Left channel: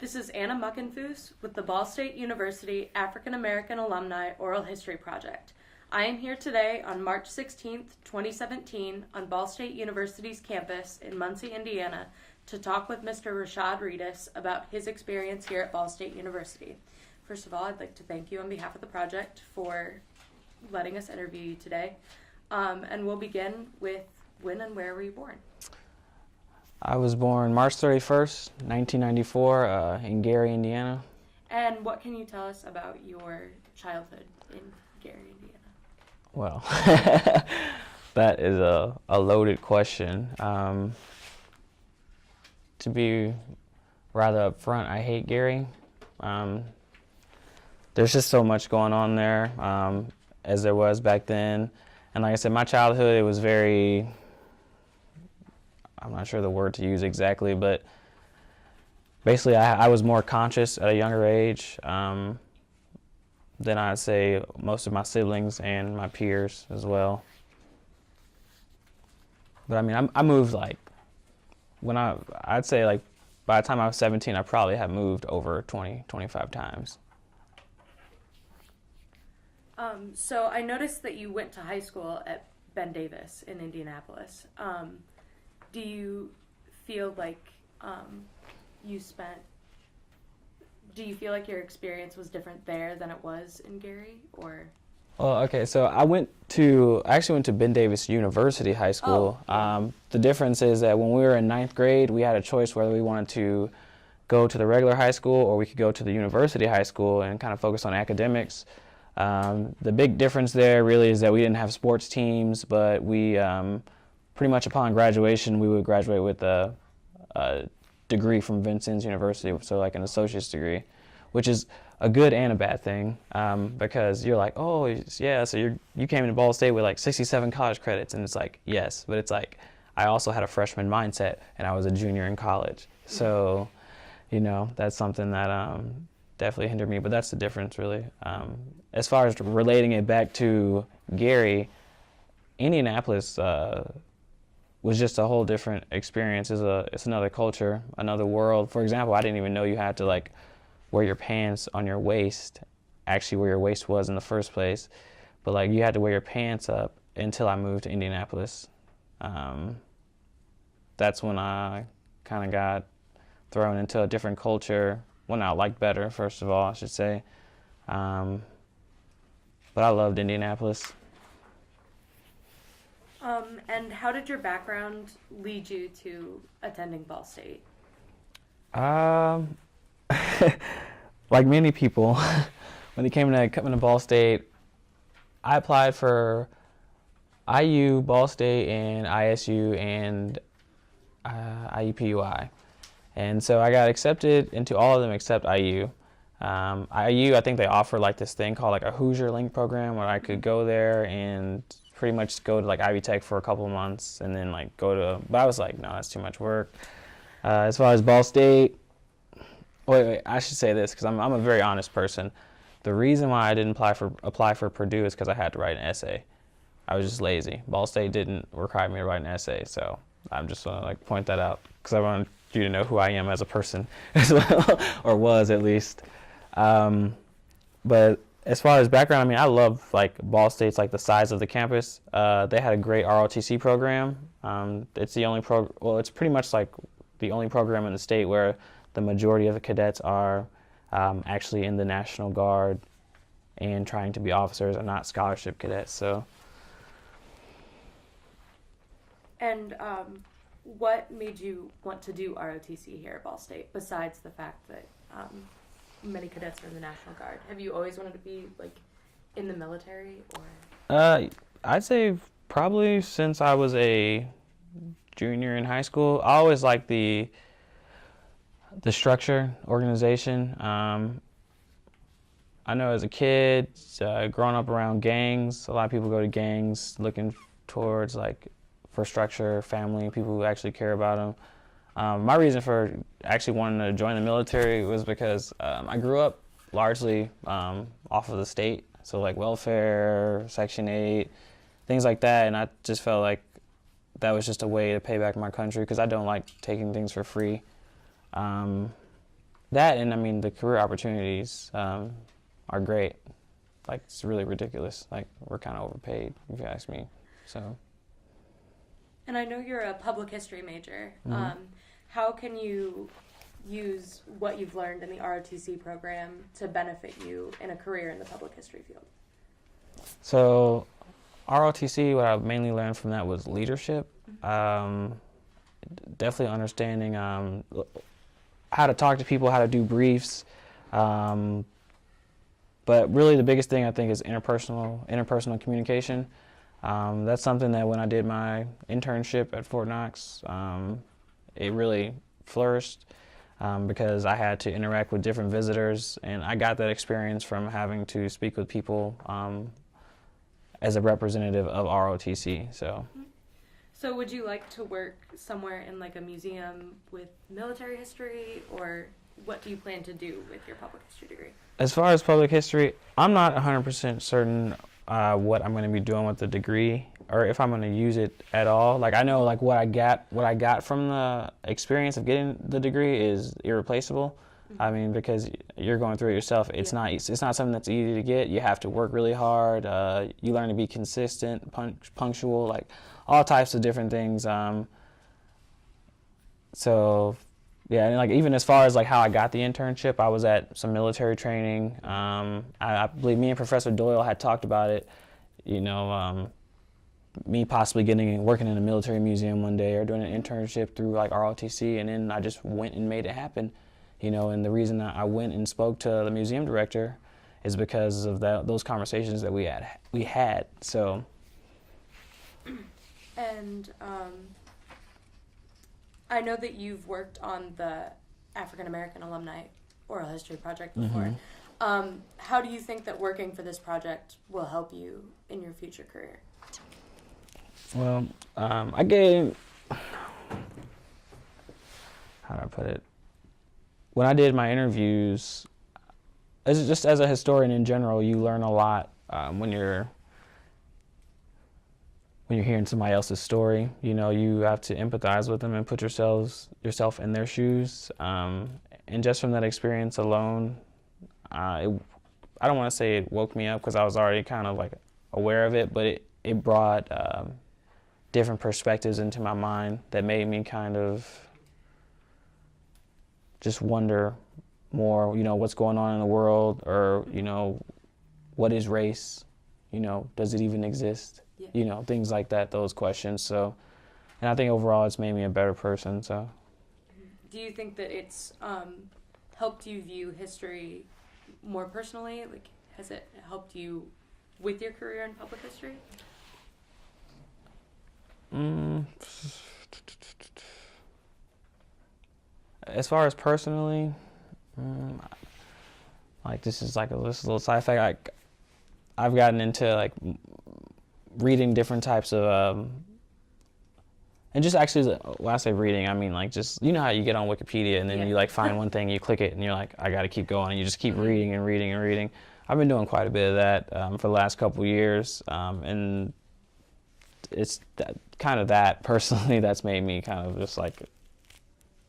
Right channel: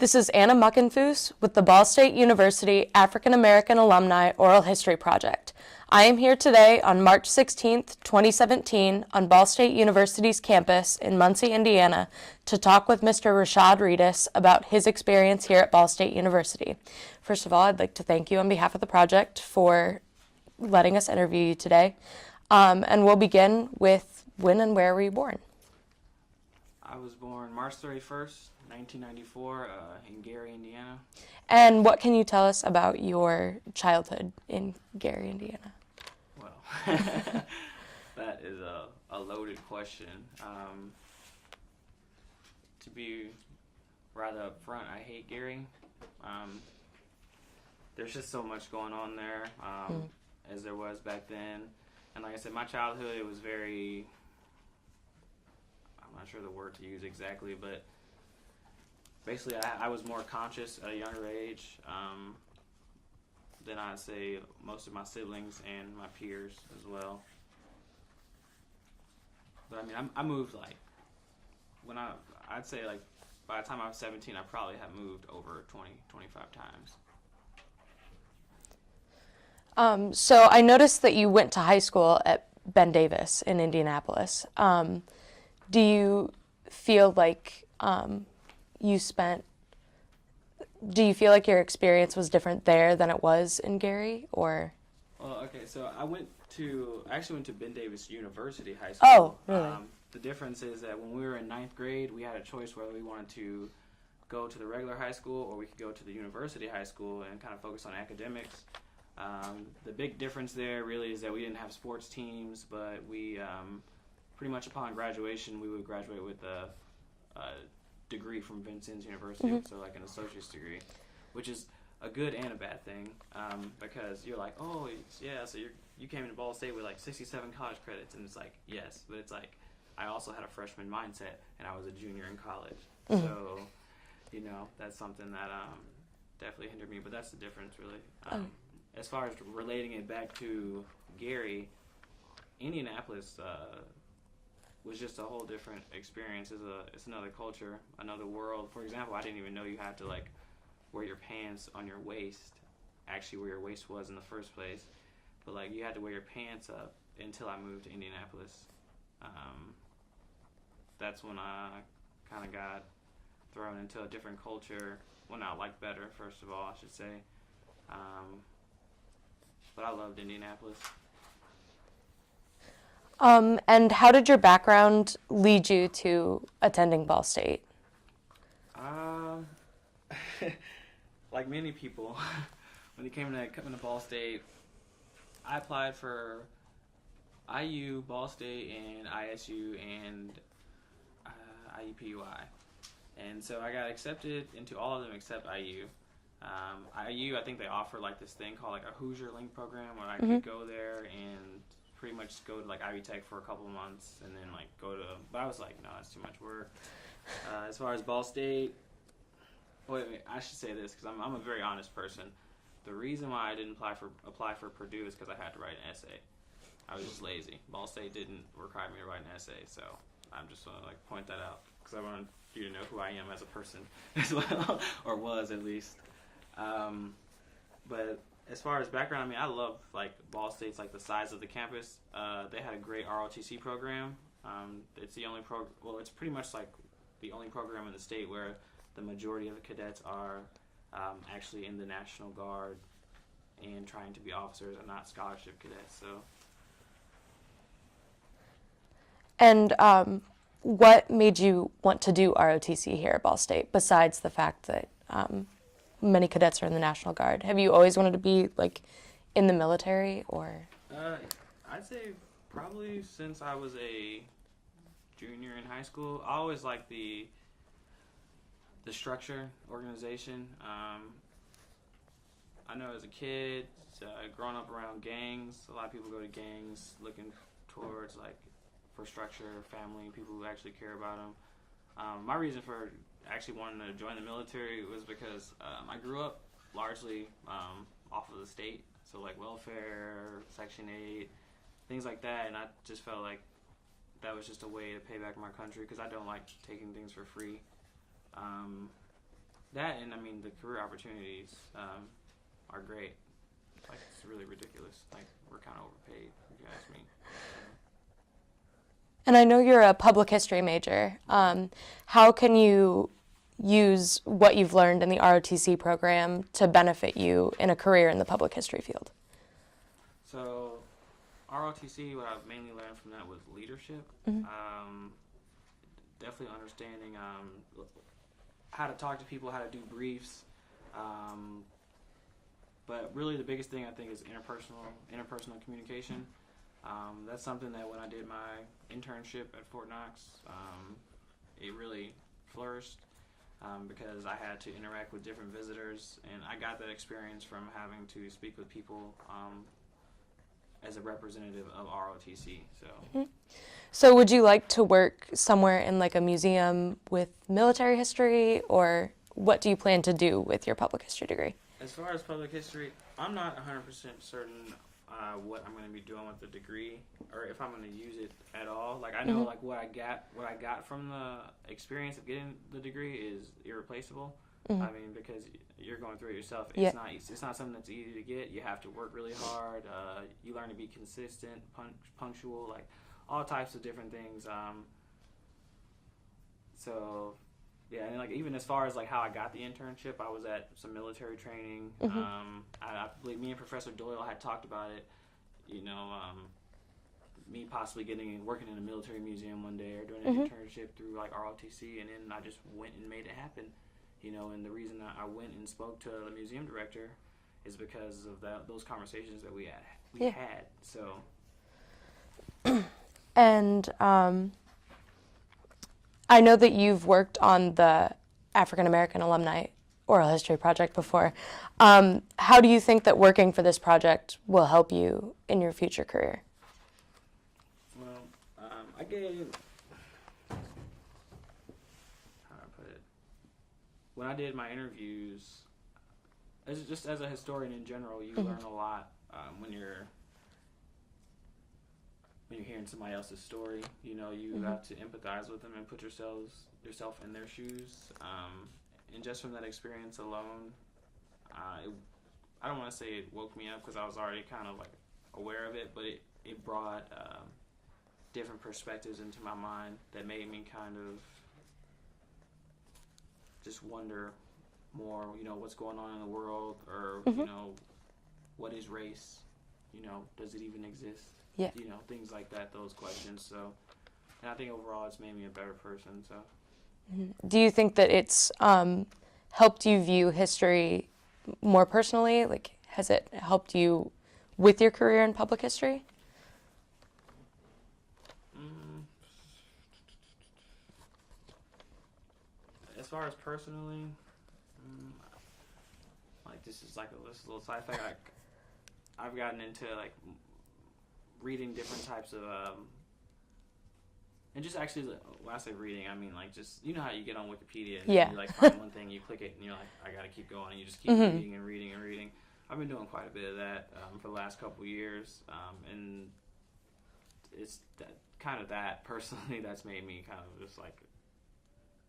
This is Anna Muckenfoos with the Ball State University African American Alumni Oral History Project. I am here today on March 16th, 2017, on Ball State University's campus in Muncie, Indiana, to talk with Mr. Rishad Readus about his experience here at Ball State University. First of all, I'd like to thank you on behalf of the project for letting us interview you today. And we'll begin with when and where were you born? I was born March 31st, 1994, in Gary, Indiana. And what can you tell us about your childhood in Gary, Indiana? Well, that is a loaded question. To be rather upfront, I hate Gary. There's just so much going on there, as there was back then. And like I said, my childhood, it was very, I'm not sure the word to use exactly, but basically I was more conscious at a younger age than I'd say most of my siblings and my peers as well. But I mean, I moved like, I'd say like by the time I was 17, I probably had moved over 20, 25 times. So I noticed that you went to high school at Ben Davis in Indianapolis. Do you feel like do you feel like your experience was different there than it was in Gary, or? Well, okay, so I actually went to Ben Davis University High School. Oh, yeah. The difference is that when we were in 9th grade, we had a choice whether we wanted to go to the regular high school or we could go to the university high school and kind of focus on academics. The big difference there really is that we didn't have sports teams, but we pretty much upon graduation, we would graduate with a degree from Vincennes University, so like an associate's degree, which is a good and a bad thing, because you're like, oh yeah, so you came into Ball State with like 67 college credits, and it's like, yes, but it's like I also had a freshman mindset, and I was a junior in college, so you know, that's something that definitely hindered me, but that's the difference really. As far as relating it back to Gary, Indianapolis was just a whole different experience. It's another culture, another world. For example, I didn't even know you had to like wear your pants on your waist, actually where your waist was in the first place. But like you had to wear your pants up until I moved to Indianapolis. That's when I kind of got thrown into a different culture, one I liked better, first of all, I should say. But I loved Indianapolis. And how did your background lead you to attending Ball State? Like many people, when they came to Ball State, I applied for IU, Ball State, and ISU, and IUPUI. And so I got accepted into all of them except IU. IU, I think they offer like this thing called like a Hoosier Link program where I could go there and pretty much go to like Ivy Tech for a couple of months and then like but I was like, no, that's too much work. As far as Ball State, wait, I should say this because I'm a very honest person. The reason why I didn't apply for Purdue is because I had to write an essay. I was just lazy. Ball State didn't require me to write an essay, so I'm just gonna like point that out because I wanted you to know who I am as a person as well, or was at least. But as far as background, I mean, I love like Ball State's like the size of the campus. They had a great ROTC program. It's the only it's pretty much like the only program in the state where the majority of the cadets are actually in the National Guard and trying to be officers and not scholarship cadets. So. And what made you want to do ROTC here at Ball State, besides the fact that many cadets are in the National Guard? Have you always wanted to be like in the military, or? I'd say probably since I was a junior in high school. I always liked the structure, organization. I know as a kid, growing up around gangs, a lot of people go to gangs looking towards like for structure, family, people who actually care about them. My reason for actually wanting to join the military was because I grew up largely off of the state, so like welfare, Section 8, things like that, and I just felt like that was just a way to pay back my country because I don't like taking things for free. that, and I mean the career opportunities are great. Like, it's really ridiculous. Like, we're kind of overpaid, if you ask me. So. And I know you're a public history major. Mm-hmm. How can you use what you've learned in the ROTC program to benefit you in a career in the public history field? So, ROTC, what I mainly learned from that was leadership. Definitely understanding how to talk to people, how to do briefs. But really the biggest thing I think is interpersonal communication. That's something that when I did my internship at Fort Knox, it really flourished because I had to interact with different visitors, and I got that experience from having to speak with people as a representative of ROTC. So would you like to work somewhere in like a museum with military history, or what do you plan to do with your public history degree? As far as public history, I'm not 100% certain what I'm going to be doing with the degree, or if I'm going to use it at all. Like, I know like what I got from the experience of getting the degree is irreplaceable. I mean, because you're going through it yourself. It's not something that's easy to get. You have to work really hard. You learn to be consistent, punctual, like all types of different things. So yeah, and like even as far as like how I got the internship, I was at some military training. I believe me and Professor Doyle had talked about it. You know, me possibly working in a military museum one day, or doing an internship through like ROTC, and then I just went and made it happen. You know, and the reason that I went and spoke to the museum director is because of those conversations that we had. So. And I know that you've worked on the African American Alumni Oral History Project before. How do you think that working for this project will help you in your future career? Well, how do I put it? When I did my interviews, just as a historian in general, you learn a lot when you're hearing somebody else's story. You know, you have to empathize with them and put yourself in their shoes. And just from that experience alone, I don't want to say it woke me up because I was already kind of like aware of it, but it brought different perspectives into my mind that made me kind of just wonder more, you know, what's going on in the world, or, you know, what is race? You know, does it even exist? Yeah. You know, things like that, those questions. So, and I think overall it's made me a better person, so. Do you think that it's helped you view history more personally? Like, has it helped you with your career in public history? As far as personally, like this is like a little side fact. Like, I've gotten into like reading different types of, and just actually when I say reading, I mean like just, you know how you get on Wikipedia and then you like find one thing, you click it, and you're like, I got to keep going, and you just keep reading and reading and reading. I've been doing quite a bit of that for the last couple of years, and it's that personally that's made me kind of just like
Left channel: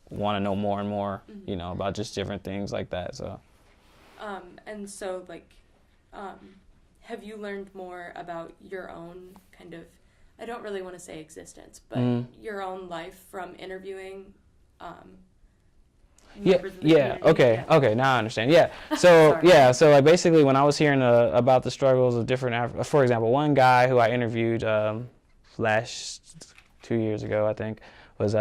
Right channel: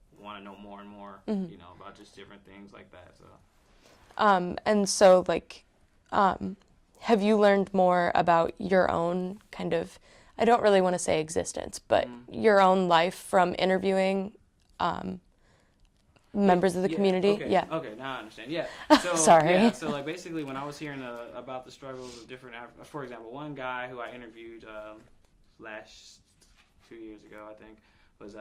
want to know more and more, you know, about just different things like that. So. And so like, have you learned more about your own kind of, I don't really want to say existence, but your own life from interviewing members of the community? Okay, now I understand. Yeah, so so like basically when I was hearing about the struggles of different, for example, one guy who I interviewed last 2 years ago, I think, was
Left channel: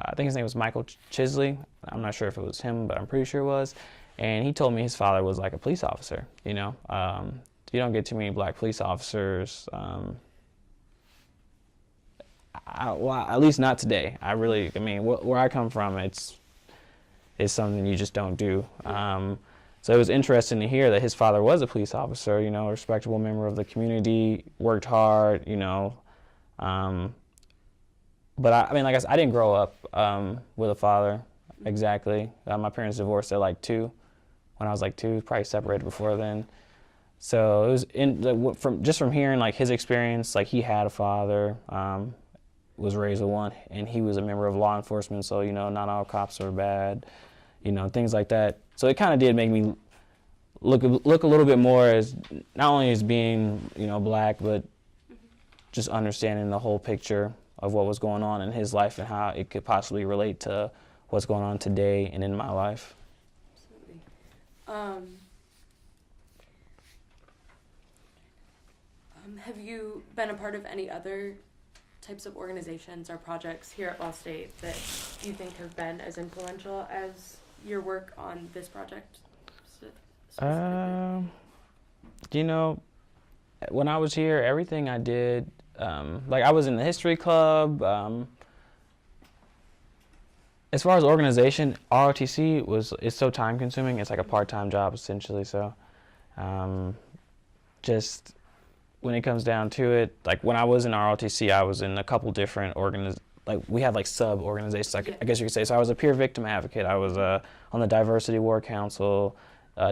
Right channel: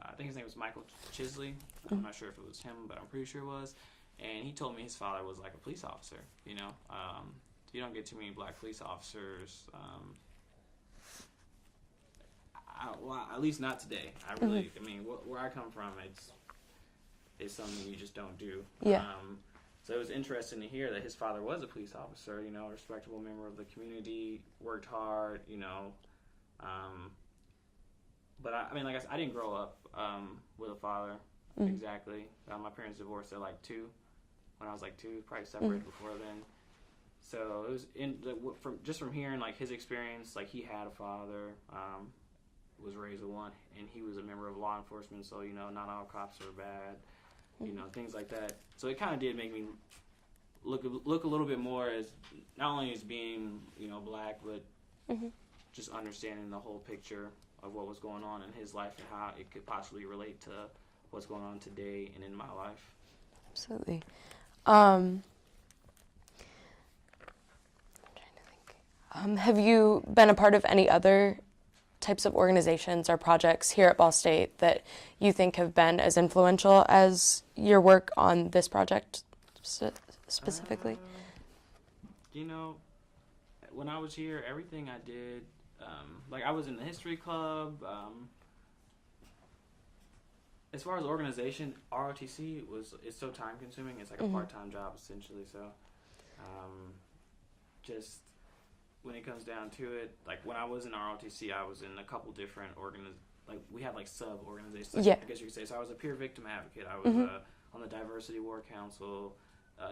I think his name was Michael Chisley. I'm not sure if it was him, but I'm pretty sure it was. And he told me his father was like a police officer, you know. You don't get too many black police officers, well, at least not today. I mean, where I come from, it's something you just don't do. So it was interesting to hear that his father was a police officer, you know, a respectable member of the community, worked hard, you know. But I mean, like I said, I didn't grow up with a father exactly. My parents divorced at like 2, when I was like 2, probably separated before then. So it was from hearing like his experience, like he had a father, was raised with one, and he was a member of law enforcement. So, you know, not all cops are bad, you know, things like that. So it kind of did make me look a little bit more as not only as being, you know, black, but just understanding the whole picture of what was going on in his life and how it could possibly relate to what's going on today and in my life. Absolutely. Have you been a part of any other types of organizations or projects here at Ball State that you think have been as influential as your work on this project specifically? You know, when I was here, everything I did, like I was in the history club. As far as organization, ROTC it's so time consuming. It's like a part-time job essentially. So, just when it comes down to it, like when I was in ROTC, I was in a couple different like we had like sub organizations, like, I guess you could say. So I was a peer victim advocate. I was on the Diversity War Council,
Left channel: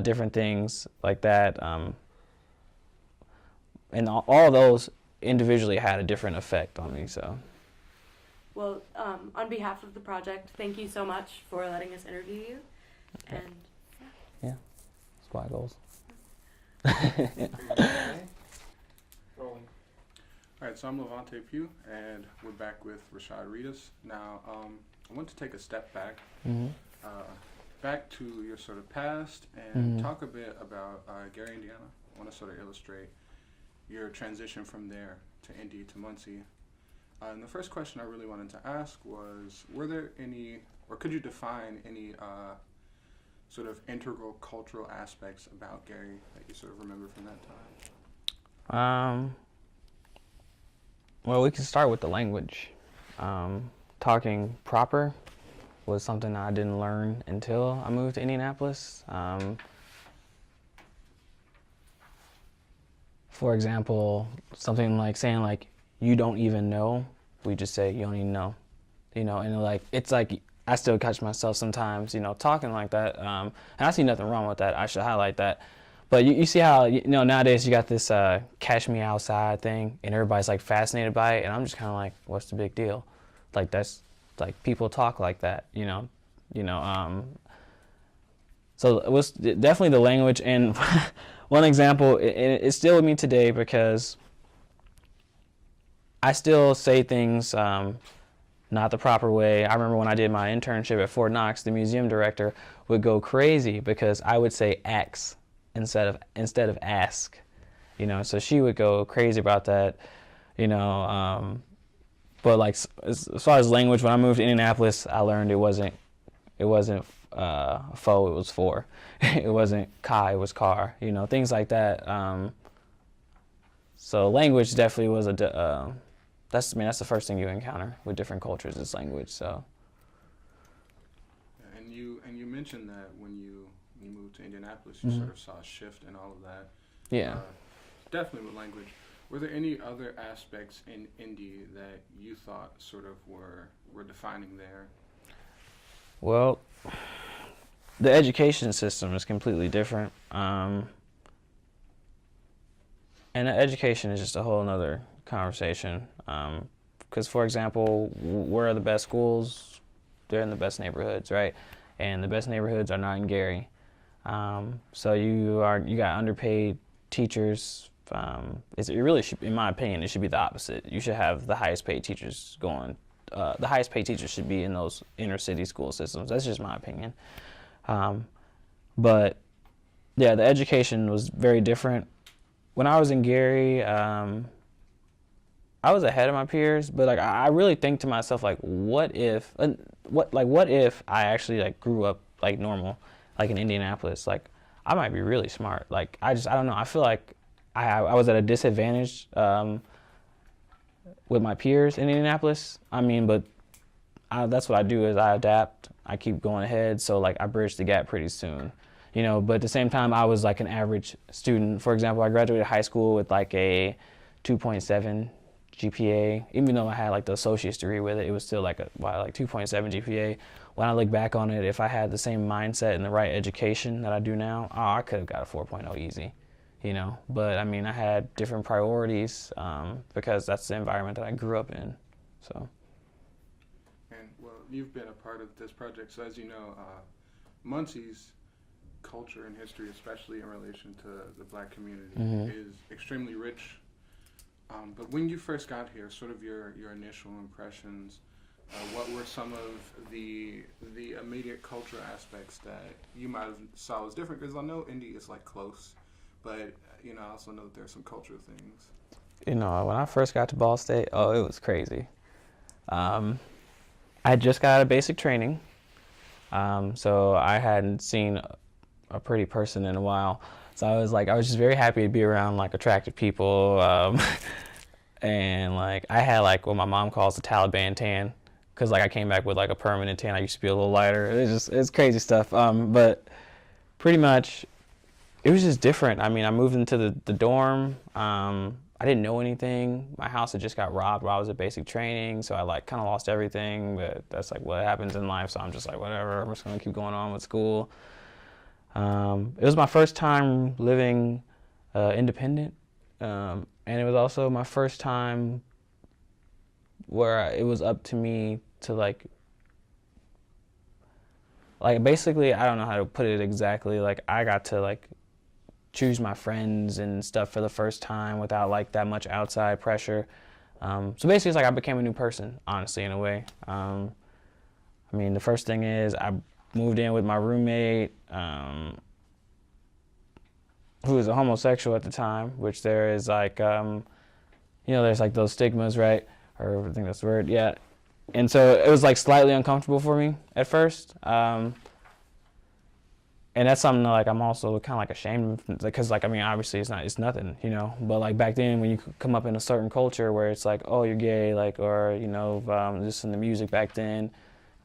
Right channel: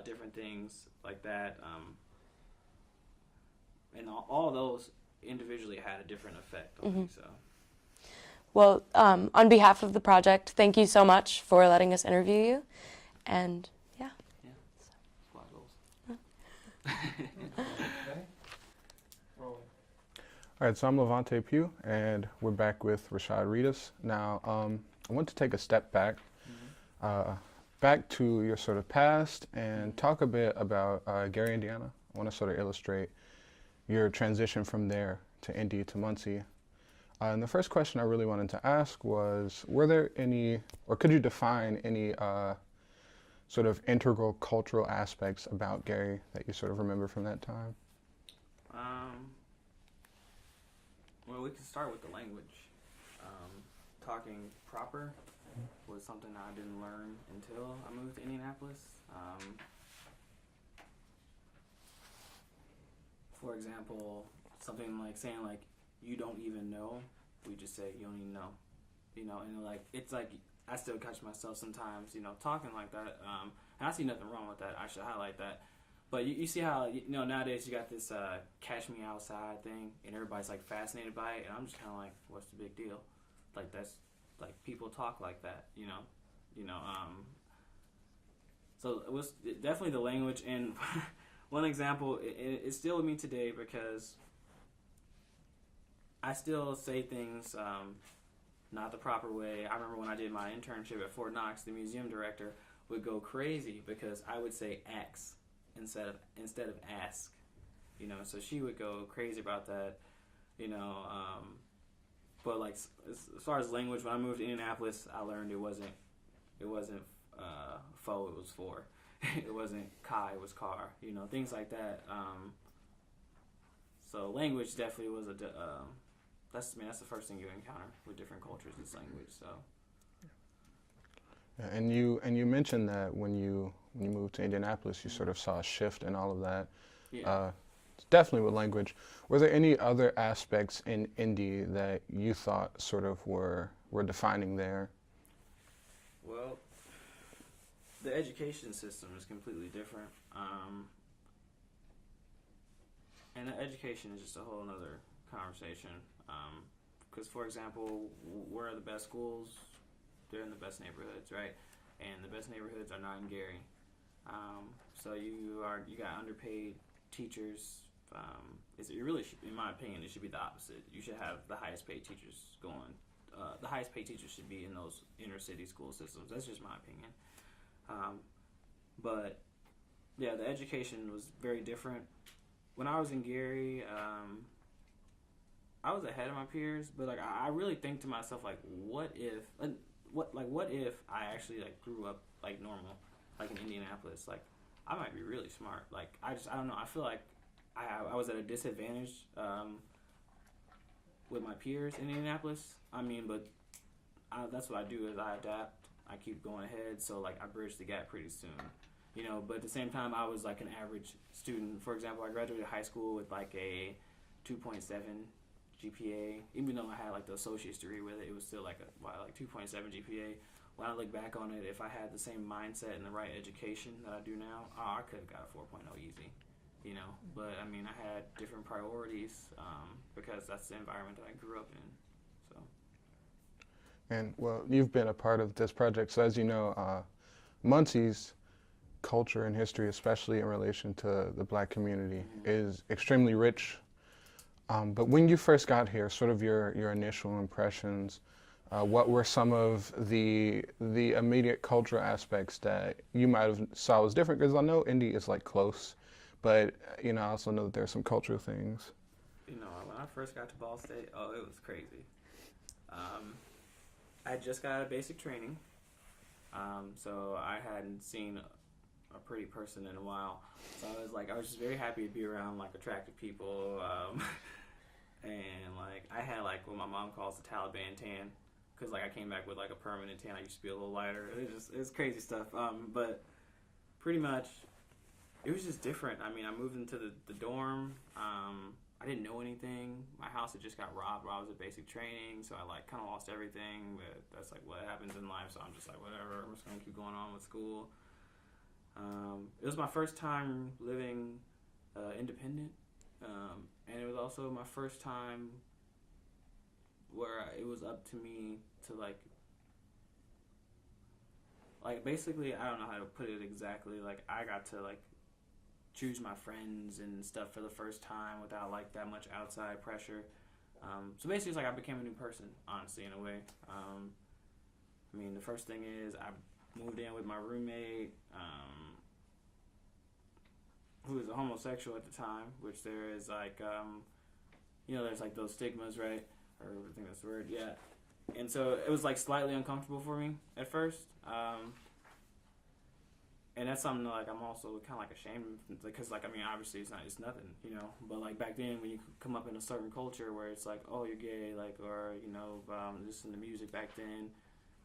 different things like that. And all those individually had a different effect on me. So. Well, on behalf of the project, thank you so much for letting us interview you. And yeah. Yeah, squad goals. All right, so I'm Levante Pugh, and we're back with Rishad Readus. Now, I want to take a step back, back to your sort of past and talk a bit about Gary, Indiana. I want to sort of illustrate your transition from there to Indy to Muncie. And the first question I really wanted to ask was, were there any, or could you define any sort of integral cultural aspects about Gary that you sort of remember from that time? Well, we can start with the language. Talking proper was something I didn't learn until I moved to Indianapolis. For example, something like saying like, you don't even know, we just say, you don't even know. You know, and like, it's like, I still catch myself sometimes, you know, talking like that. And I see nothing wrong with that. I should highlight that. But you see how, you know, nowadays you got this catch me outside thing and everybody's like fascinated by it. And I'm just kind of like, what's the big deal? Like that's, like people talk like that, you know. So it was definitely the language. And one example, it's still with me today because I still say things not the proper way. I remember when I did my internship at Fort Knox, the museum director would go crazy because I would say ax instead of ask, you know. So she would go crazy about that, you know. But like as far as language, when I moved to Indianapolis, I learned it wasn't fo, it was for. It wasn't ka, it was car, you know, things like that. So language definitely was that's the first thing you encounter with different cultures is language. So. Yeah, and you mentioned that when you moved to Indianapolis, you sort of saw a shift in all of that. Yeah. Definitely with language. Were there any other aspects in Indy that you thought sort of were defining there? Well, the education system is completely different. And the education is just a whole nother conversation. Because, for example, where are the best schools? They're in the best neighborhoods, right? And the best neighborhoods are not in Gary. So you got underpaid teachers. It really should, in my opinion, it should be the opposite. You should have the highest paid teachers going. The highest paid teachers should be in those inner city school systems. That's just my opinion. But yeah, the education was very different. When I was in Gary, I was ahead of my peers, but like I really think to myself like, what if I actually like grew up like normal, like in Indianapolis? Like I might be really smart. Like I don't know. I feel like I was at a disadvantage with my peers in Indianapolis. I mean, but that's what I do is I adapt. I keep going ahead, so like I bridge the gap pretty soon, you know. But at the same time, I was like an average student. For example, I graduated high school with like a 2.7 GPA. Even though I had like the associate's degree with it, it was still like 2.7 GPA. When I look back on it, if I had the same mindset and the right education that I do now, I could have got a 4.0 easy, you know. But I mean, I had different priorities because that's the environment that I grew up in, so. And well, you've been a part of this project, so as you know, Muncie's culture and history, especially in relation to the black community, is extremely rich. But when you first got here, sort of your initial impressions, what were some of the immediate cultural aspects that you might have saw was different? Because I know Indy is like close, but I also know that there's some cultural things. When I first got to Ball State, oh, it was crazy. I just got out of basic training, so I hadn't seen a pretty person in a while. So I was just very happy to be around like attractive people, and like I had like what my mom calls the Taliban tan, because like I came back with like a permanent tan. I used to be a little lighter. It's crazy stuff. But pretty much, it was just different. I mean, I moved into the dorm. I didn't know anything. My house had just got robbed while I was at basic training, so I like kind of lost everything. But that's like what happens in life. So I'm just like, whatever. I'm just gonna keep going on with school. It was my first time living independent, and it was also my first time where it was up to me to like basically, I don't know how to put it exactly. Like I got to like choose my friends and stuff for the first time without like that much outside pressure. So basically, it's like I became a new person, honestly, in a way. I mean, the first thing is I moved in with my roommate, who was a homosexual at the time, which there is like, there's like those stigmas, right? Or I think that's the word, yeah. And so it was like slightly uncomfortable for me at first. And that's something that, like, I'm also kind of like ashamed of, because like, I mean, obviously it's nothing, but like back then when you come up in a certain culture where it's like, oh, you're gay, like, or, just in the music back then,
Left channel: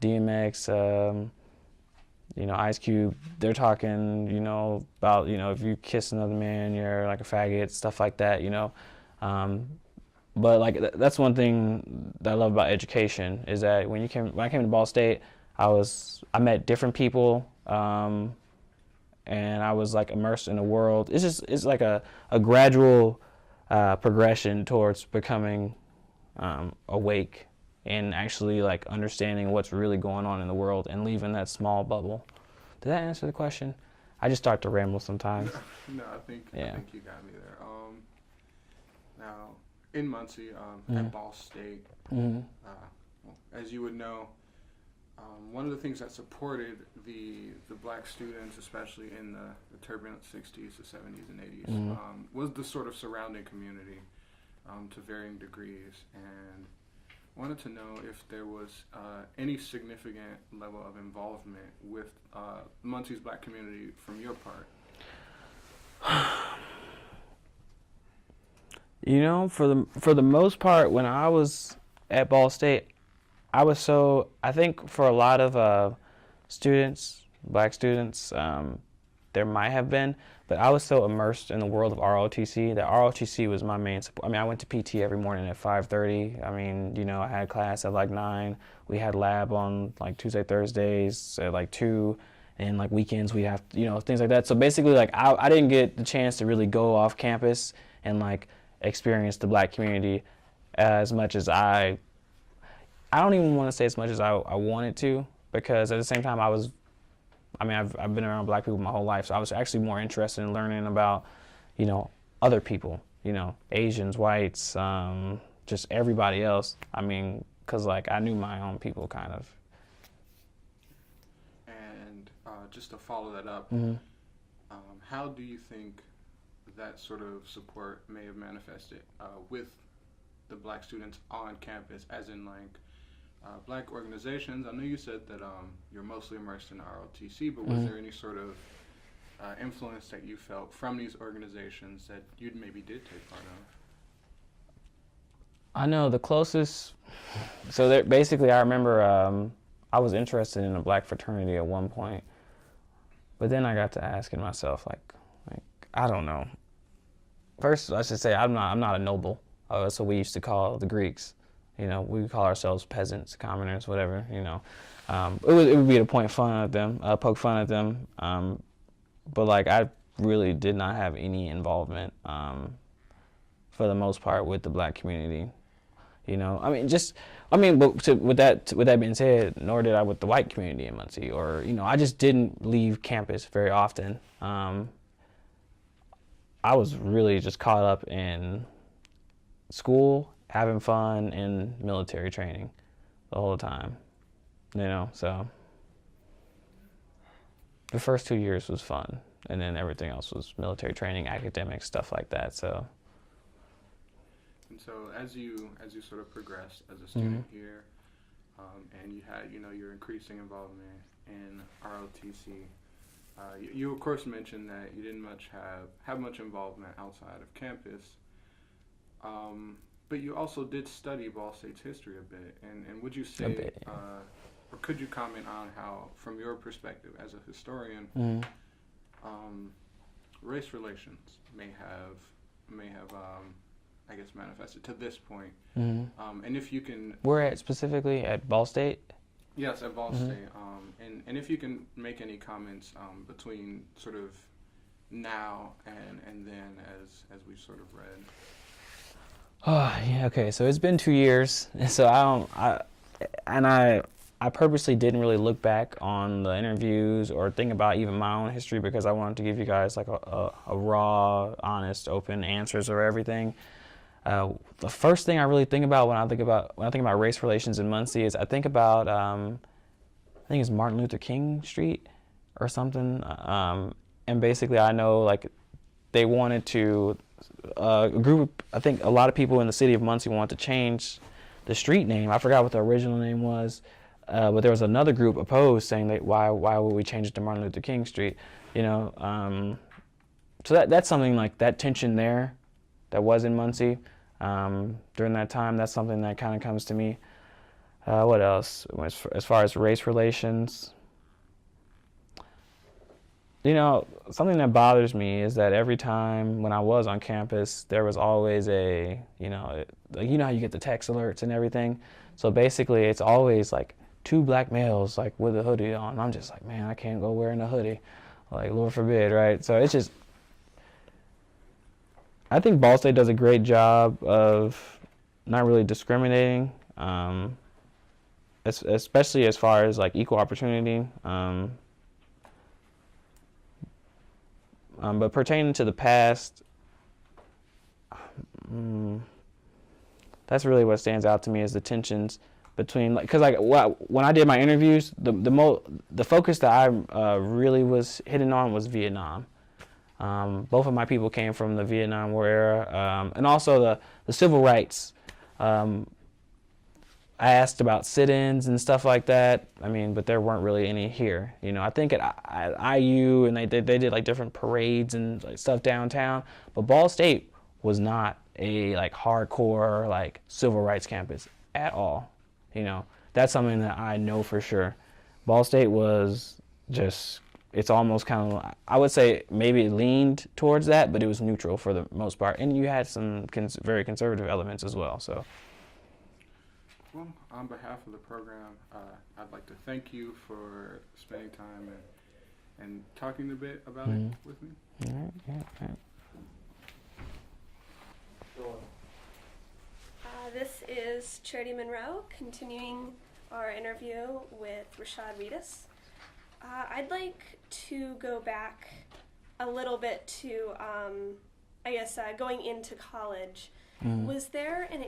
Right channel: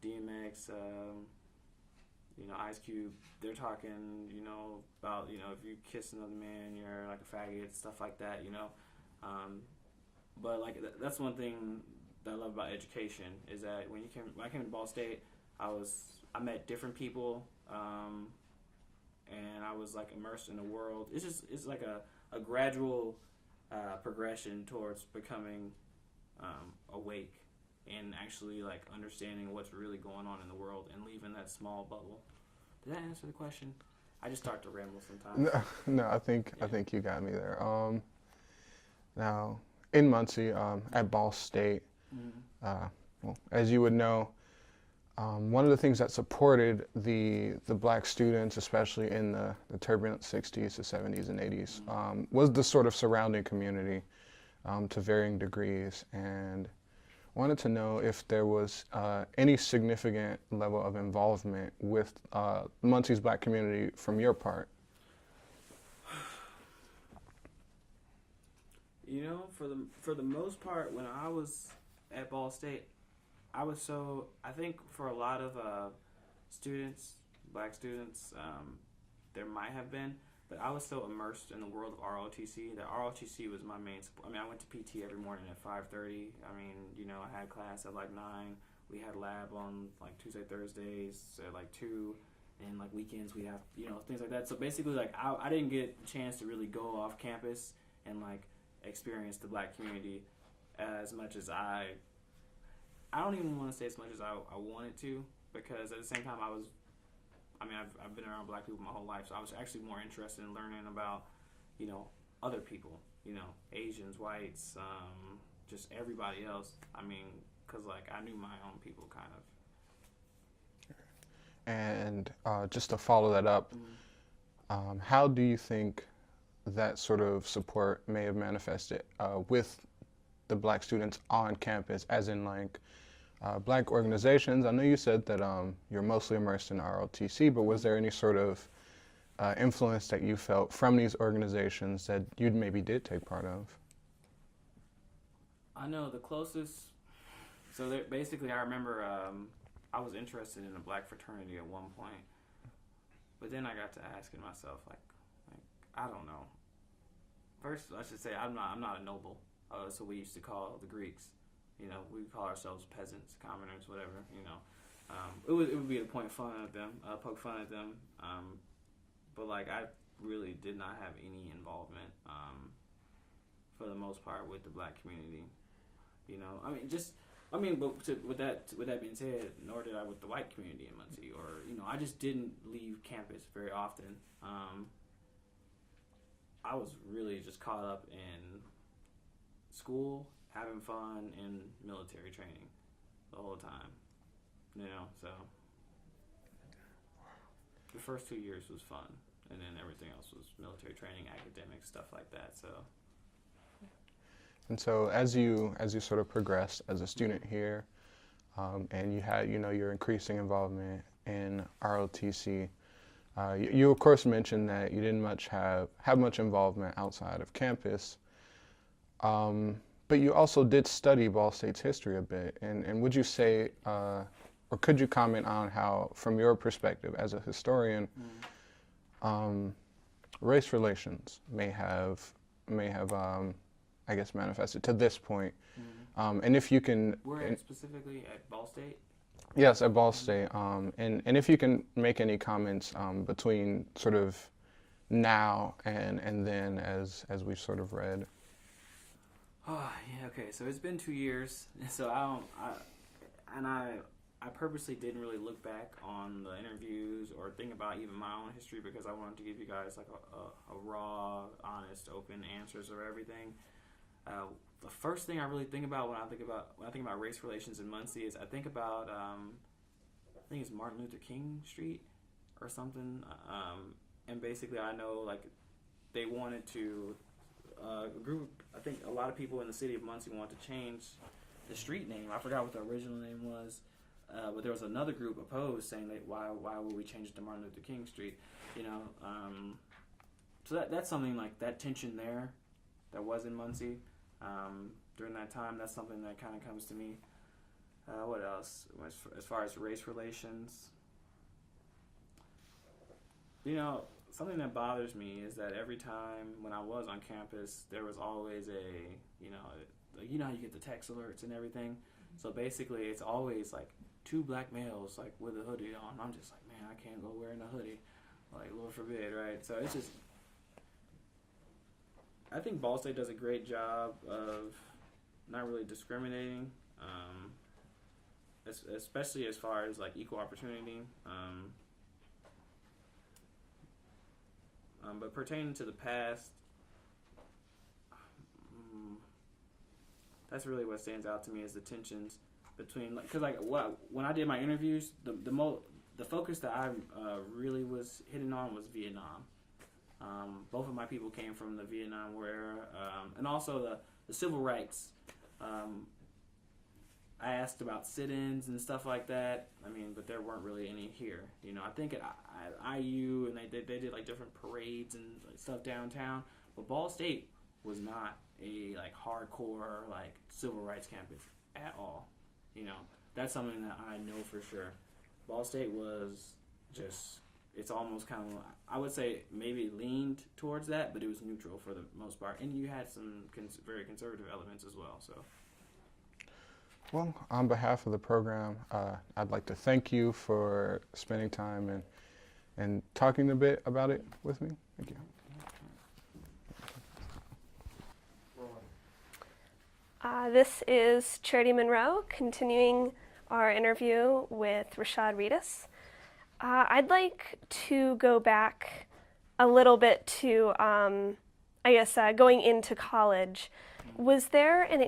DMX, Ice Cube, they're talking, about, if you kiss another man, you're like a faggot, stuff like that, But like, that's one thing that I love about education is that when I came to Ball State, I met different people, and I was like immersed in a world. It's like a gradual progression towards becoming awake and actually like understanding what's really going on in the world and leaving that small bubble. Did that answer the question? I just start to ramble sometimes. No, I think you got me there. Now in Muncie, at Ball State, well, as you would know, one of the things that supported the black students, especially in the turbulent 60s, the 70s, and 80s, was the sort of surrounding community to varying degrees. And wanted to know if there was any significant level of involvement with Muncie's black community from your part. For the most part, when I was at Ball State, I think for a lot of students, black students, there might have been, but I was so immersed in the world of ROTC that ROTC was my main support. I mean, I went to PT every morning at 5:30. I mean, I had class at like 9. We had lab on like Tuesday, Thursdays at like 2, and like weekends we have, things like that. So basically, like I didn't get the chance to really go off campus and like experience the black community as much as I don't even want to say as much as I wanted to, because at the same time I've been around black people my whole life, so I was actually more interested in learning about, other people, Asians, whites, just everybody else. I mean, because like I knew my own people kind of. And just to follow that up, how do you think that sort of support may have manifested with the black students on campus, as in like black organizations? I know you said that you're mostly immersed in ROTC, but was there any sort of influence that you felt from these organizations that you maybe did take part of? I know the closest, so basically I remember I was interested in a black fraternity at one point, but then I got to asking myself, like I don't know. First, I should say I'm not a noble. That's what we used to call the Greeks. We would call ourselves peasants, commoners, whatever. It would be to poke fun at them. But like I really did not have any involvement, for the most part, with the black community. I mean, just I mean, but with that being said, nor did I with the white community in Muncie, or I just didn't leave campus very often. I was really just caught up in school, having fun, and military training the whole time. So the first 2 years was fun, and then everything else was military training, academics, stuff like that. So. And so as you sort of progressed as a student here, and you had your increasing involvement in ROTC, you of course mentioned that you didn't have much involvement outside of campus, but you also did study Ball State's history a bit. And would you say, or could you comment on how, from your perspective as a historian, race relations may have I guess manifested to this point, and if you can. Where at specifically at Ball State? Yes, at Ball State, and if you can make any comments between sort of now and then as we've sort of read. Oh yeah, okay. So it's been 2 years, so I purposely didn't really look back on the interviews or think about even my own history, because I wanted to give you guys like a raw, honest, open answers of everything. The first thing I really think about when I think about race relations in Muncie is I think about I think it's Martin Luther King Street or something, and basically I know like they wanted to a lot of people in the city of Muncie wanted to change the street name. I forgot what the original name was, but there was another group opposed, saying that why would we change it to Martin Luther King Street, so that's something like that tension there that was in Muncie during that time. That's something that kind of comes to me. What else? As far as race relations, something that bothers me is that every time when I was on campus, there was always how you get the text alerts and everything. So basically, it's always like 2 black males like with a hoodie on. I'm just like, man, I can't go wearing a hoodie, like Lord forbid, right? So it's just. I think Ball State does a great job of not really discriminating, especially as far as like equal opportunity. But pertaining to the past, that's really what stands out to me is the tensions between, because when I did my interviews, the focus that I really was hitting on was Vietnam. Both of my people came from the Vietnam War era, and also the civil rights. I asked about sit-ins and stuff like that. I mean, but there weren't really any here. I think at IU, and they did like different parades and like stuff downtown. But Ball State was not a like hardcore like civil rights campus at all. That's something that I know for sure. Ball State was just. It's almost kind of, I would say maybe it leaned towards that, but it was neutral for the most part. And you had some very conservative elements as well. So, well, on behalf of the program, I'd like to thank you for spending time and talking a bit about it with me. All right. This is Charity Monroe, continuing our interview with Rishad Readus. I'd like to go back a little bit to, going into college. Was there an